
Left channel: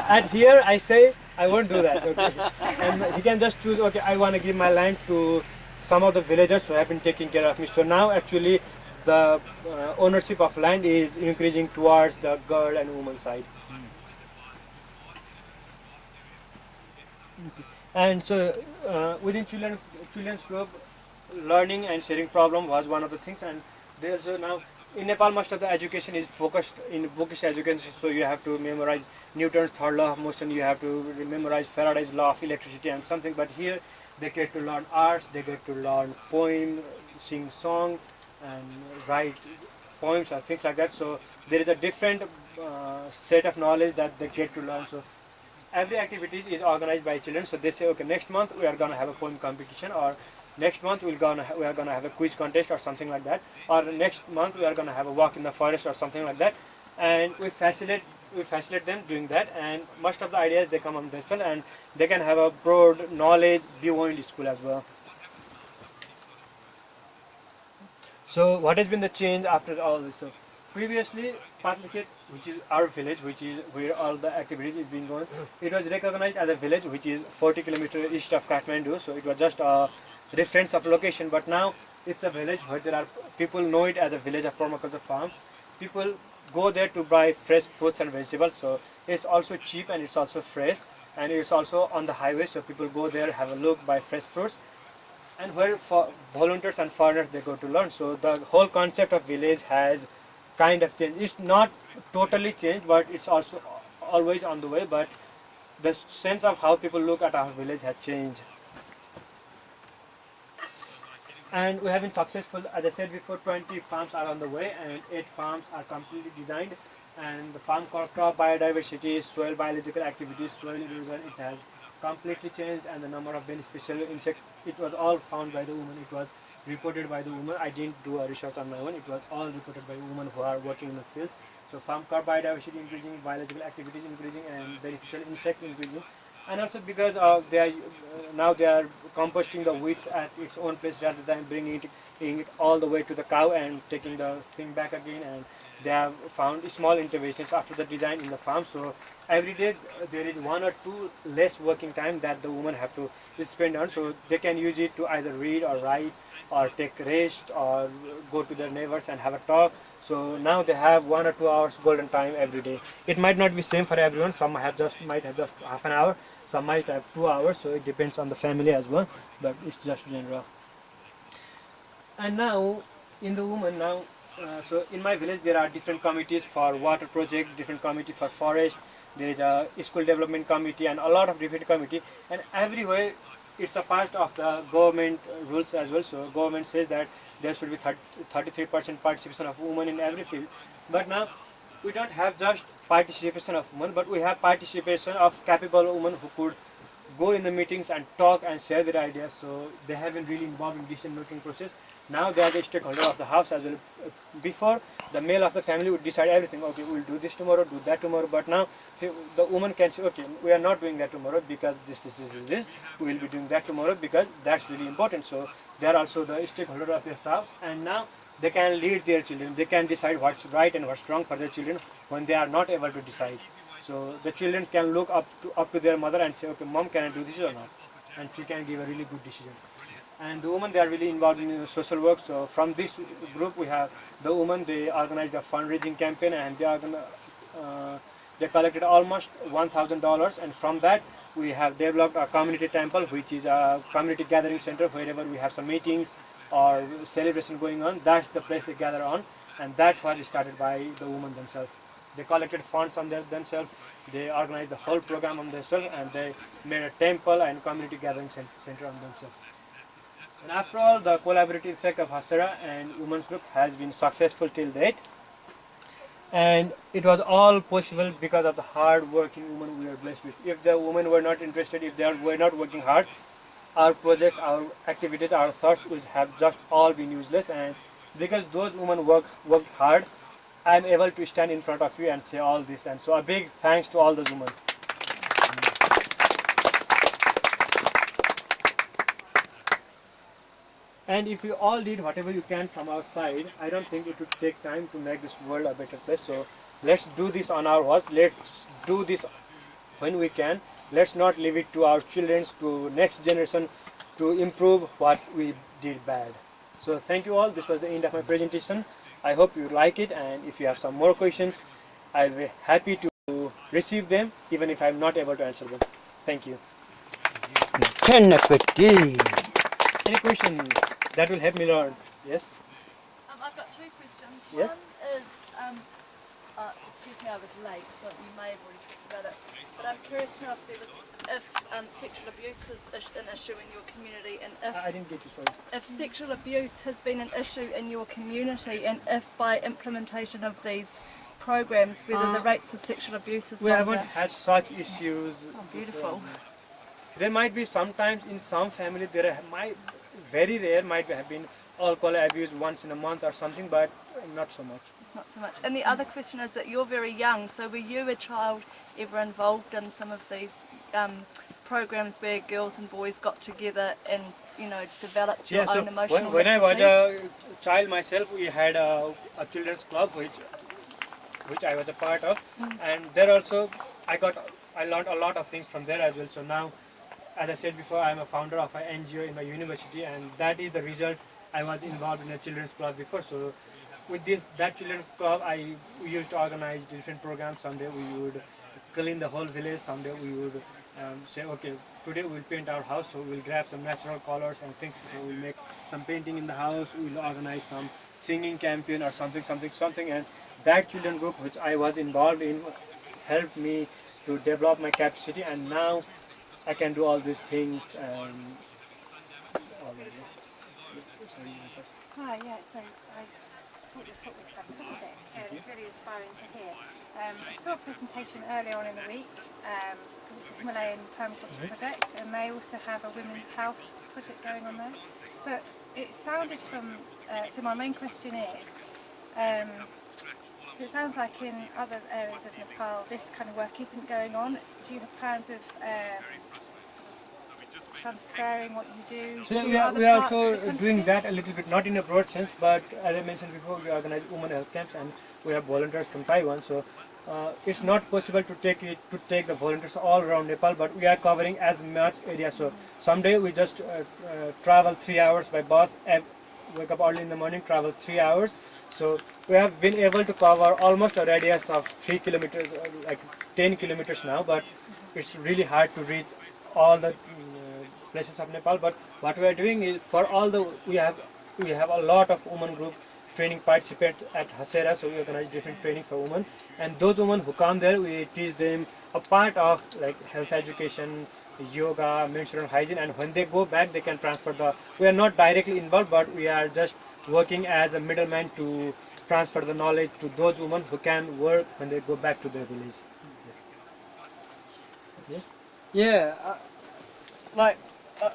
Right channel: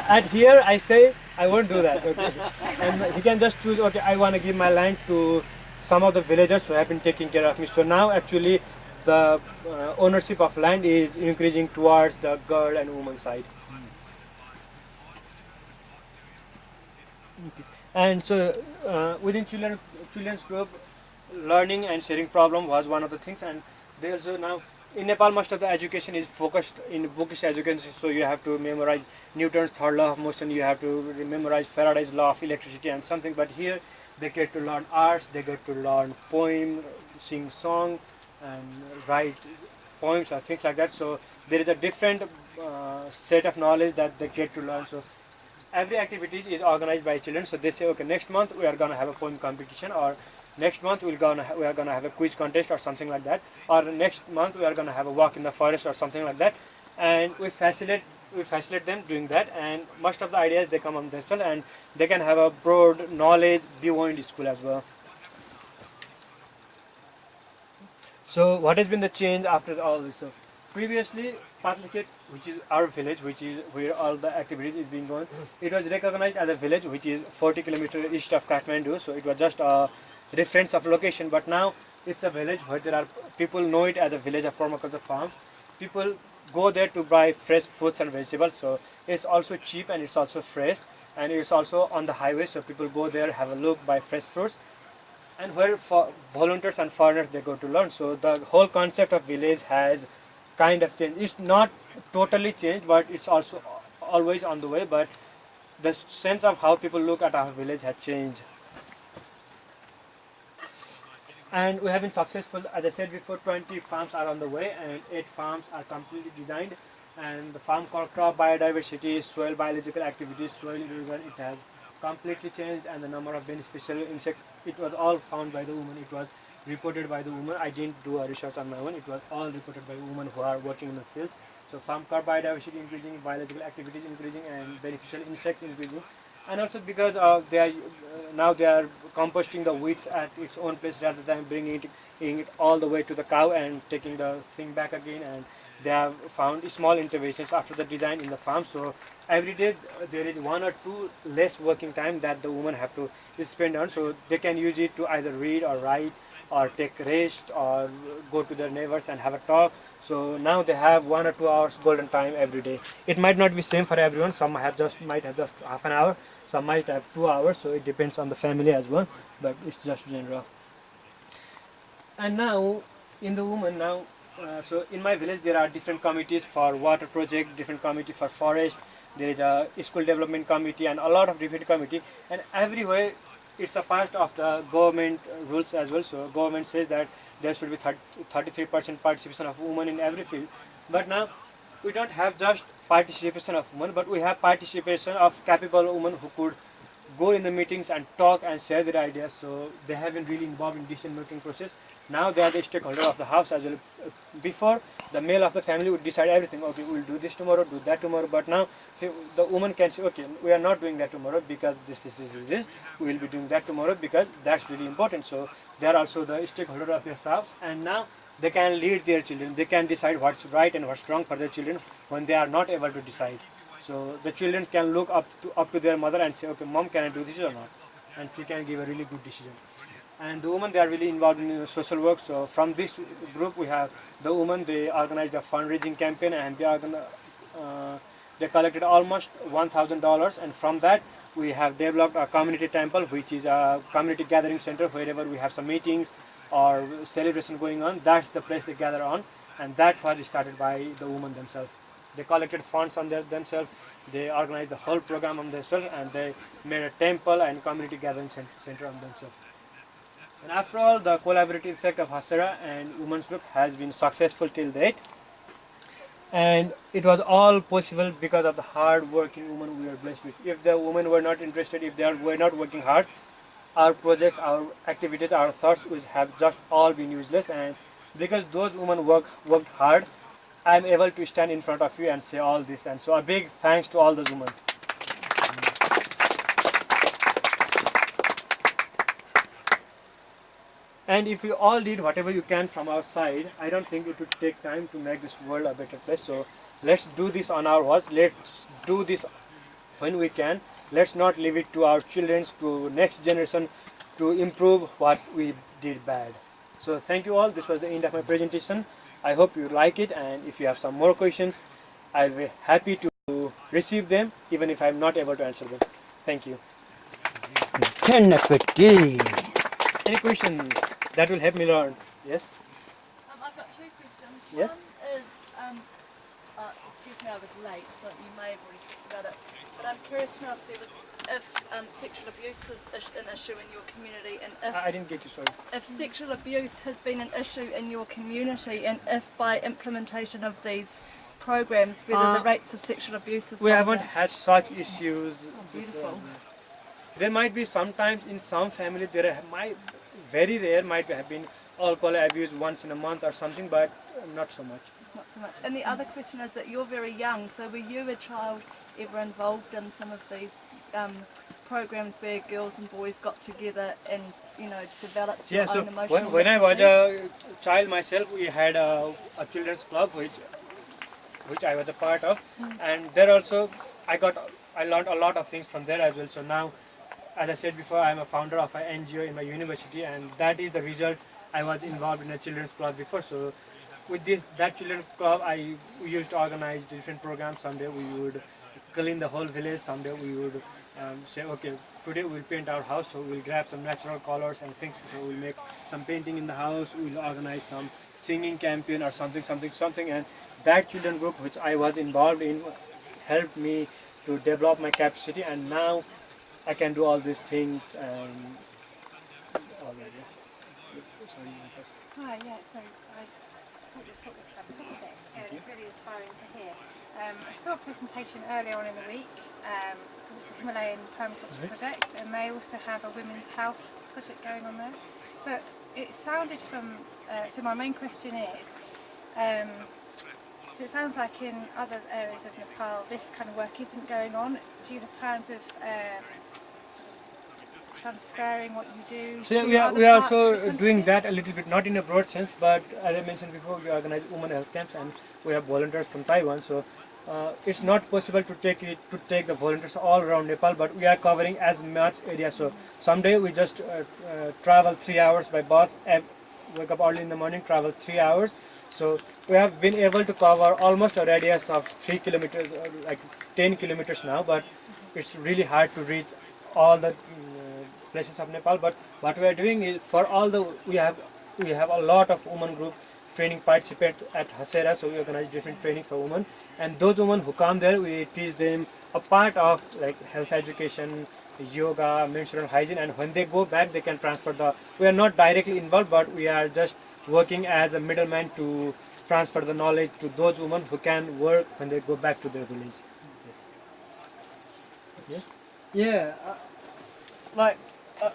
at here I say, I won't do that. Okay. And he can just choose, okay, I want to give my land to some of the villagers who have been taking care of me. So now actually the ownership of land is increasing towards the girl and woman side. Okay. And so within children's group, learning and sharing problem was one of the things, and there's now in Nepal most of the education is focused in bookish education, so you have to memorize Newton's third law of motion, you have to memorize Faraday's law of electricity and something. But here they get to learn arts, they get to learn poem, sing song, and write poems or things like that. So there is a different set of knowledge that they get to learn. So every activity is organized by children. So they say, okay, next month we are gonna have a poem competition, or next month we are gonna have a quiz contest or something like that, or next month we are gonna have a walk in the forest or something like that, and we facilitate them doing that. And most of the ideas they come on themselves, and they can have a broad knowledge beyond school as well. So what has been the change after all this? So previously, Pathlekhet, which is our village, which is where all the activities is being going, it was recognized as a village which is 40 kilometers east of Kathmandu. So it was just a reference of location, but now it's a village where there are people know it as a village of permaculture farms. People go there to buy fresh fruits and vegetables. So it's also cheap and it's also fresh, and it's also on the highway. So people go there, have a look, buy fresh fruits, and where for volunteers and foreigners they go to learn. So the whole concept of village has kind of changed. It's not totally changed, but it's also always on the way. But the sense of how people look at our village has changed. And we have been successful. As I said before, 20 farms are on the way, and 8 farms are completely designed. And the farm crop biodiversity, soil biological activities, soil erosion, it has completely changed. And the number of beneficial insects, it was all found by the women. It was reported by the women. I didn't do a research on my own. It was all reported by women who are working in the fields. So farm crop biodiversity increasing, biological activities increasing, and beneficial insects increasing. And also because they are now they are composting the weeds at its own place rather than bringing it all the way to the cow and taking the thing back again. And they have found small interventions after the design in the farm. So every day there is 1 or 2 less working time that the women have to spend on. So they can use it to either read or write or take rest or go to their neighbors and have a talk. So now they have 1 or 2 hours golden time every day. It might not be same for everyone. Some might have just half an hour. Some might have 2 hours. So it depends on the family as well. But it's just general. And now in the women now. So in my village there are different committees for water project, different committee for forest. There is a school development committee and a lot of different committee. And everywhere it's a part of the government rules as well. So government says that there should be 33% participation of women in every field. But now we don't have just participation of women, but we have participation of capable women who could go in the meetings and talk and share their ideas. So they have been really involved in decision making process. Now they are the stakeholder of the house as well. Before, the male of the family would decide everything. Okay, we'll do this tomorrow, do that tomorrow. But now the woman can say, okay, we are not doing that tomorrow because this. We will be doing that tomorrow because that's really important. So they are also the stakeholder of their house. And now they can lead their children. They can decide what's right and what's wrong for their children when they are not able to decide. So the children can look up to their mother and say, okay, mom, can I do this or not? And she can give a really good decision. And the women, they are really involved in social work. So from this group we have the women, they organized a fundraising campaign, and they collected almost $1,000, and from that we have developed a community temple, which is a community gathering center. Wherever we have some meetings or celebration going on, that's the place they gather on, and that was started by the women themselves. They collected funds on themselves, they organized the whole program on themselves, and they made a temple and community gathering center on themselves. And after all, the collaborative effect of Hasera and women's group has been successful till date. And it was all possible because of the hard working women we are blessed with. If the women were not interested, if they were not working hard, our projects, our activities, our thoughts would have just all been useless. And because those women worked hard, I am able to stand in front of you and say all this. And so a big thanks to all those women. And if you all did whatever you can from our side, I don't think it would take time to make this world a better place. So let's do this on our watch. Let's do this when we can. Let's not leave it to our children, to next generation, to improve what we did bad. So thank you all. This was the end of my presentation. I hope you like it, and if you have some more questions, I'll be happy to receive them, even if I'm not able to answer them. Thank you. Any questions that will help me learn? Yes? I've got 2 questions. Yes? One is, excuse me, I was late, so you may have already talked about it. But I'm curious to know if sexual abuse is an issue in your community, and if I didn't get you, sorry. if sexual abuse has been an issue in your community, and if by implementation of these programs, whether the rates of sexual abuse has We gone haven't down. had such issues. Oh, beautiful. There might be sometimes in some families might very rare might have been alcohol abuse once in a month or something, but not so much. It's not so much. And the other question is that you're very young, so were you a child ever involved in some of these programs where girls and boys got together and, you know, developed your Yeah, so own emotional when I was literacy? a child myself, we had a children's club which I was a part of, and there also I learned a lot of things from there as well. So now, as I said before, I'm a founder of an NGO in my university, and that is the result. I was involved in a children's club before. So with that children's club, we used to organize different programs. Someday we would clean the whole village. Someday we would say, okay, today we'll paint our house. So we'll grab some natural colors and things. So we'll make some painting in the house. We'll organize some singing campaign or something. And that children group which I was involved in helped me to develop my capacity, and now I can do all these things. Already. Sorry, Hi, yeah, so I thought your talk was fantastic. It was really inspiring to hear. I saw a presentation earlier on in the week. It was the Himalayan Permaculture project, and they also have a women's health project going on there. But it sounded from, so my main question is, so it sounds like in other areas of Nepal this kind of work isn't going on. Do you have plans of transferring what you do So to we are other parts of the also country? doing that a little bit, not in a broad sense, but as I mentioned before, we organize women health camps, and we have volunteers from Taiwan. So it's not possible to take the volunteers all around Nepal, but we are covering as much area. So someday we just travel 3 hours by bus, wake up early in the morning, travel 3 hours. So we have been able to cover almost a radius of 3 kilometers, like 10 kilometers now, but it's really hard to reach all the places of Nepal. But what we are doing is for all the we have a lot of women group training participate at Hasera, so we organize different training for women, and those women who come there, we teach them a part of like health education, yoga, menstrual hygiene, and when they go back they can transfer we are not directly involved, but we are just working as a middleman to transfer the knowledge to those women who can work when they go back to their village. Yes. Yeah,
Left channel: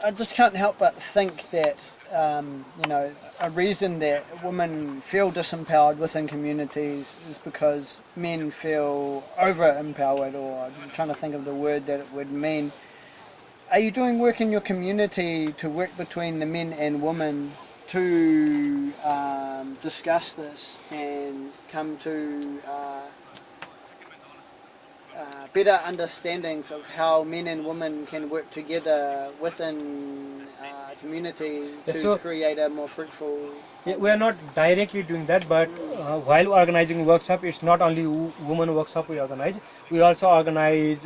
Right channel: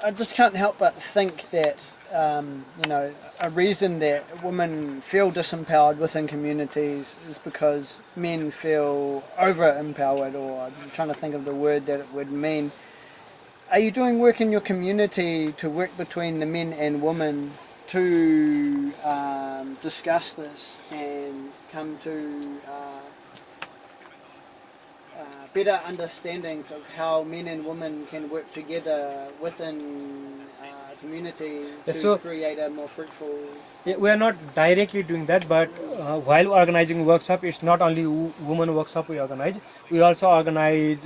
I just can't help but think that, you know, a reason that women feel disempowered within communities is because men feel over-empowered, or I'm trying to think of the word that it would mean. Are you doing work in your community to work between the men and women to discuss this and come to better understandings of how men and women can work together within a community to so- create a more fruitful... Yeah, we are not directly doing that, but while organizing workshop, it's not only women workshop we organize. We also organize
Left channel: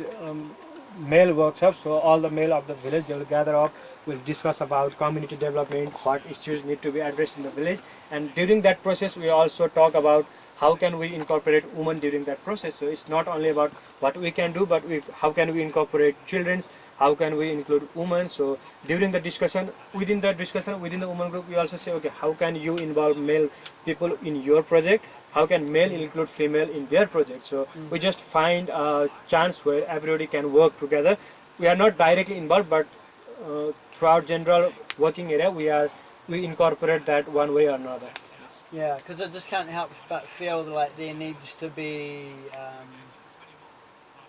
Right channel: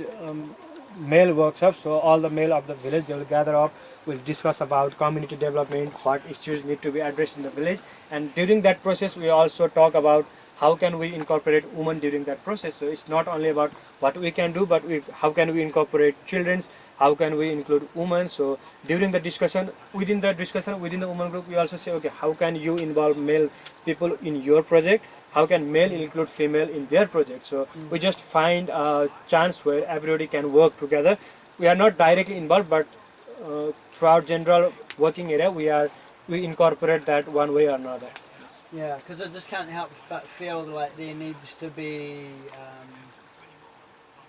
male workshops. So all the male of the village, they will gather up. We'll discuss about community development, what issues need to be addressed in the village, and during that process, we also talk about how can we incorporate women during that process. So it's not only about what we can do, but how can we incorporate children's, how can we include women. So during the discussion, within the women group, we also say, okay, how can you involve male people in your project? How can male include female in their project? So we just find a chance where everybody can work together. We are not directly involved, but throughout general working area, we incorporate that one way or another. Yeah, because I just can't help but feel like there needs to be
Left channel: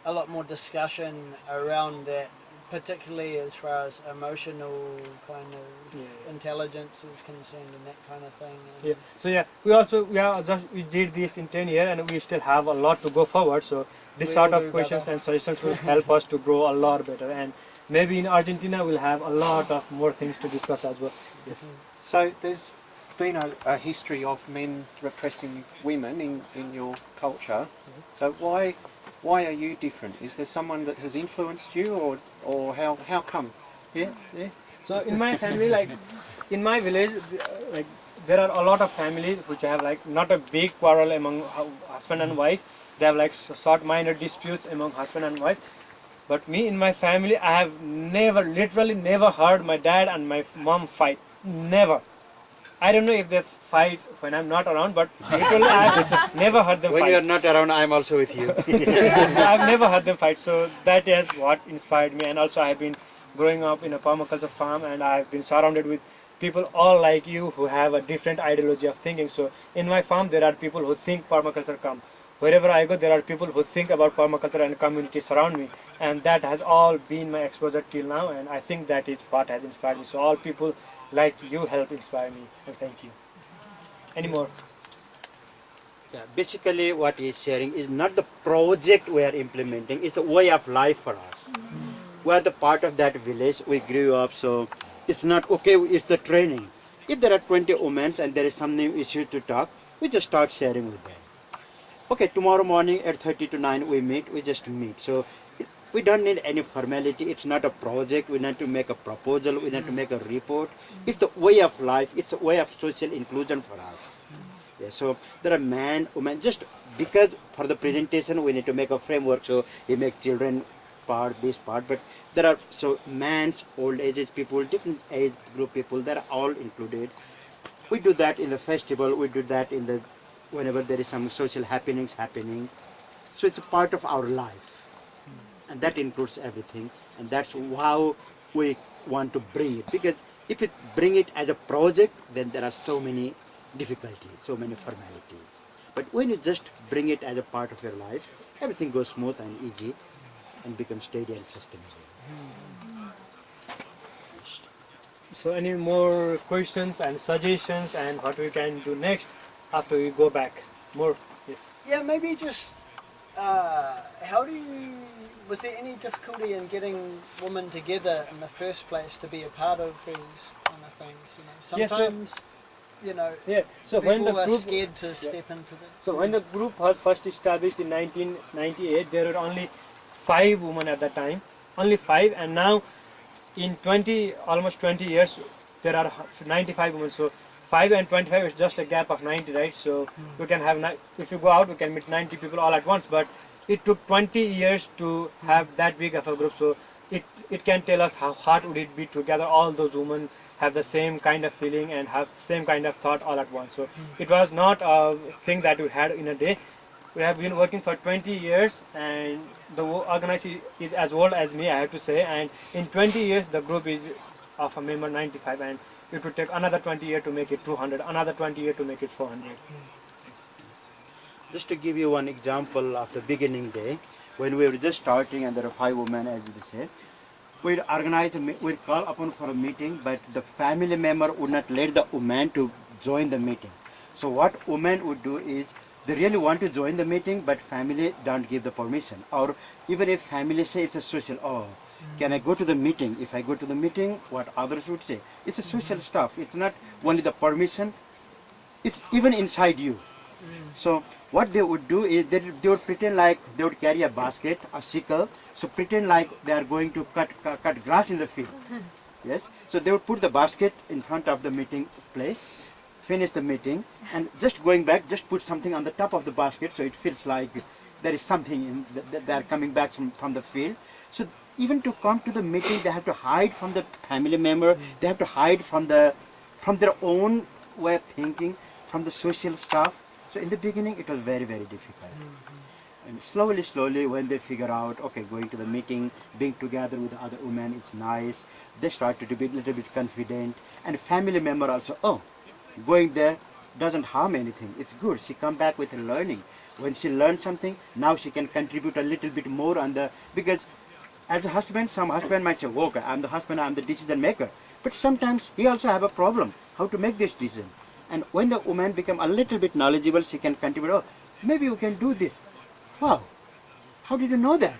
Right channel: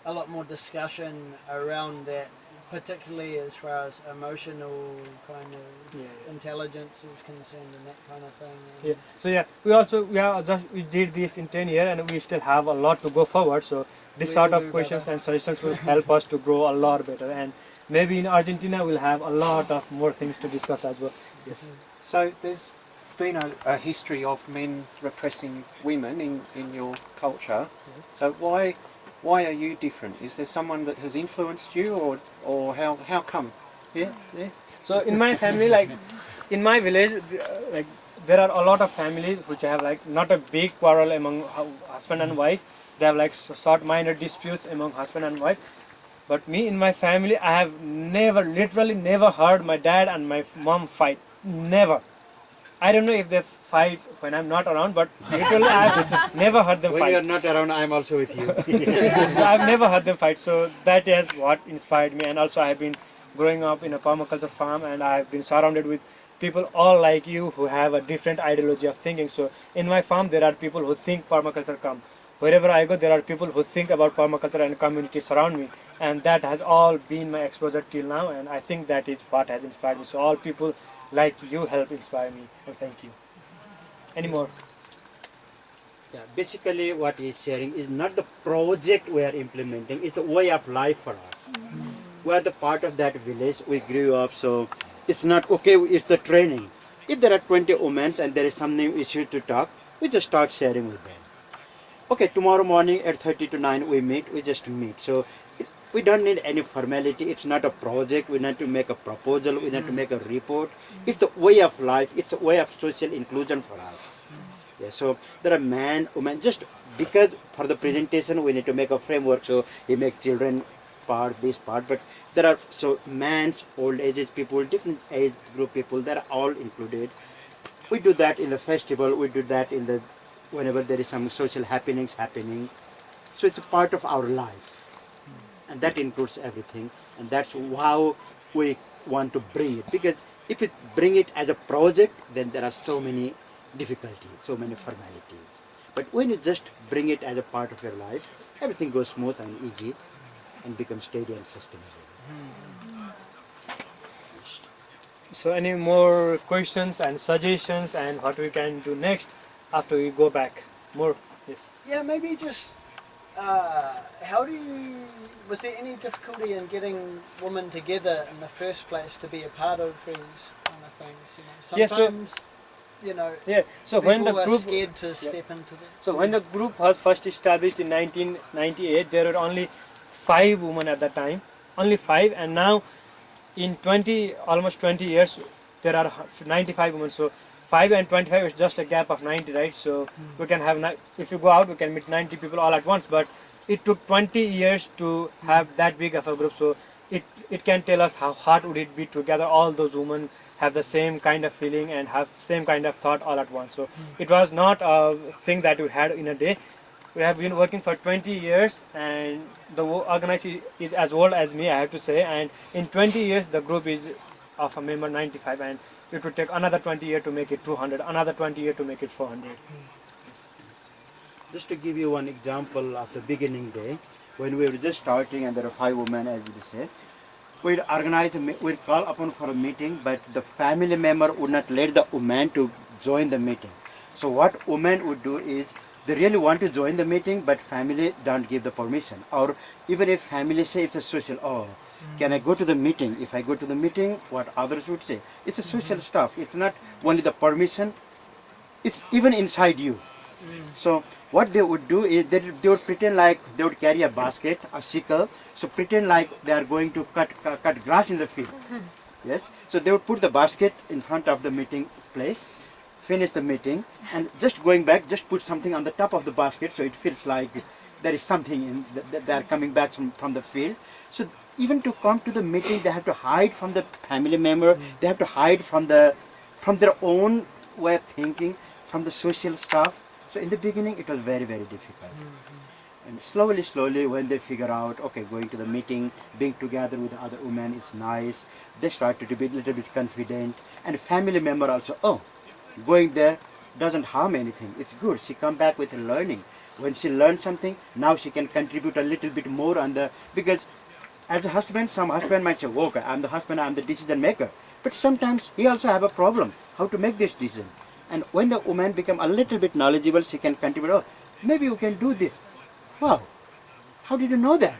a lot more discussion around that, particularly as far as emotional kind of intelligence is concerned and that kind of thing. And Yeah. So yeah, we did this in 10 years, and we still have a lot to go forward. So this We sort will of do, questions brother. and suggestions will help us to grow a lot better. And maybe in Argentina we'll have a lot of more things to discuss as well. Yes. So there's been a history of men repressing women in your culture. So why are you different? Is there someone that has influenced you, or how come? Yeah. So in my family, like in my village, like there are a lot of families which have like not a big quarrel among husband and wife. They have like short minor disputes among husband and wife. But me in my family, I have never, literally never heard my dad and my mom fight. Never. I don't know if they fight when I'm not around, but literally I've never heard them When fight. you are not around, I'm also with you. So I've never heard them fight. So that is what inspired me. And also I have been growing up in a permaculture farm, and I have been surrounded with people all like you who have a different ideology of thinking. So in my farm, there are people who think permaculture come. Wherever I go, there are people who think about permaculture and community surround me. And that has all been my exposure till now. And I think that is what has inspired me. So all people like you help inspire me. And thank you. Any more? Yeah, basically what he's sharing is not the project we are implementing, it's a way of life for us. We are the part of that village, we grew up, so it's not okay, it's the training. If there are 20 women and there is something issue to talk, we just start sharing with them. Okay, tomorrow morning at 8:30 to 9 we meet, we just meet. So we don't need any formality, it's not a project, we need to make a proposal, we need to make a report. It's the way of life, it's a way of social inclusion for us. Yeah, so there are man, woman, just because for the presentation we need to make a framework, so we make children part, this part, but there are, so man's, old age people, different age group people, they're all included. We do that in the festival, we do that in the, whenever there is some social happenings happening. So it's a part of our life. And that includes everything. And that's how we want to bring it. Because if we bring it as a project, then there are so many difficulties, so many formalities. But when you just bring it as a part of your life, everything goes smooth and easy and becomes steady and sustainable. So any more questions and suggestions and what we can do next after we go back? More? Yes. Yeah, maybe just how do you, was there any difficulty in getting women together in the first place to be a part of these kind of things? You know, Yes, so- sometimes, you know, Yeah. So when the people are group scared to step into the... So when the group was first established in 1998, there were only 5 women at that time, only 5, and now in almost 20 years, there are 95 women. So 5 and 25 is just a gap of 90, right? So we can have, if you go out, we can meet 90 people all at once, but it took 20 years to have that big of a group. So it can tell us how hard would it be together, all those women have the same kind of feeling and have same kind of thought all at once. So it was not a thing that we had in a day. We have been working for 20 years, and the organization is as old as me, I have to say, and in 20 years the group is of a member 95, and it would take another 20 years to make it 200, another 20 years to make it 400. Just to give you one example of the beginning day, when we were just starting and there are 5 women, as you say, we'd organize, we'd call upon for a meeting, but the family member would not let the woman to join the meeting. So what women would do is, they really want to join the meeting, but family don't give the permission. Or even if family say it's a social, can I go to the meeting? If I go to the meeting, what others would say? It's a social stuff. It's not only the permission, it's even inside you. So what they would do is they would pretend like they would carry a basket, a sickle, so pretend like they are going to cut grass in the field. Yes, so they would put the basket in front of the meeting place, finish the meeting, and just going back, just put something on the top of the basket so it feels like there is something in they are coming back from the field. So even to come to the meeting, they have to hide from the family member, they have to hide from their own way of thinking, from the social stuff. So in the beginning it was very, very difficult. And slowly when they figure out, okay, going to the meeting, being together with other women is nice, they started to be a little bit confident, and family member also, going there doesn't harm anything, it's good, she come back with learning. When she learns something, now she can contribute a little bit more on the, because as a husband, some husband might say, okay, I'm the husband, I'm the decision maker, but sometimes he also have a problem, how to make this decision. And when the woman become a little bit knowledgeable, she can contribute, maybe you can do this. Wow, how did you know that?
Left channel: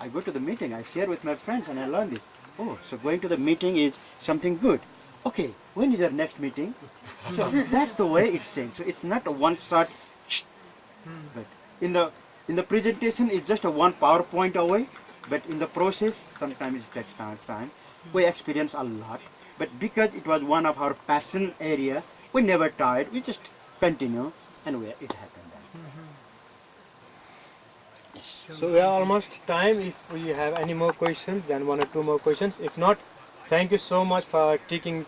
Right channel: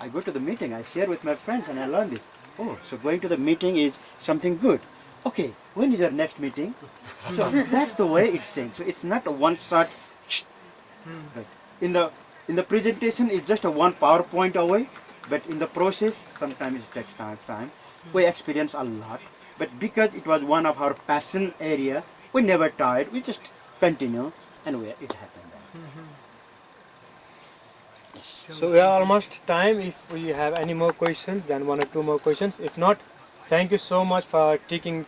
I go to the meeting, I share with my friends and I learn this. Oh, so going to the meeting is something good. Okay, when is your next meeting? So that's the way it's changed. So it's not a one shot, but in the presentation it's just a one PowerPoint away, but in the process sometimes it takes time. We experience a lot, but because it was one of our passion area, we never tired. We just continue, and it happened then. Yes. So we are almost time. If we have any more questions, then 1 or 2 more questions. If not, thank you so much for teaching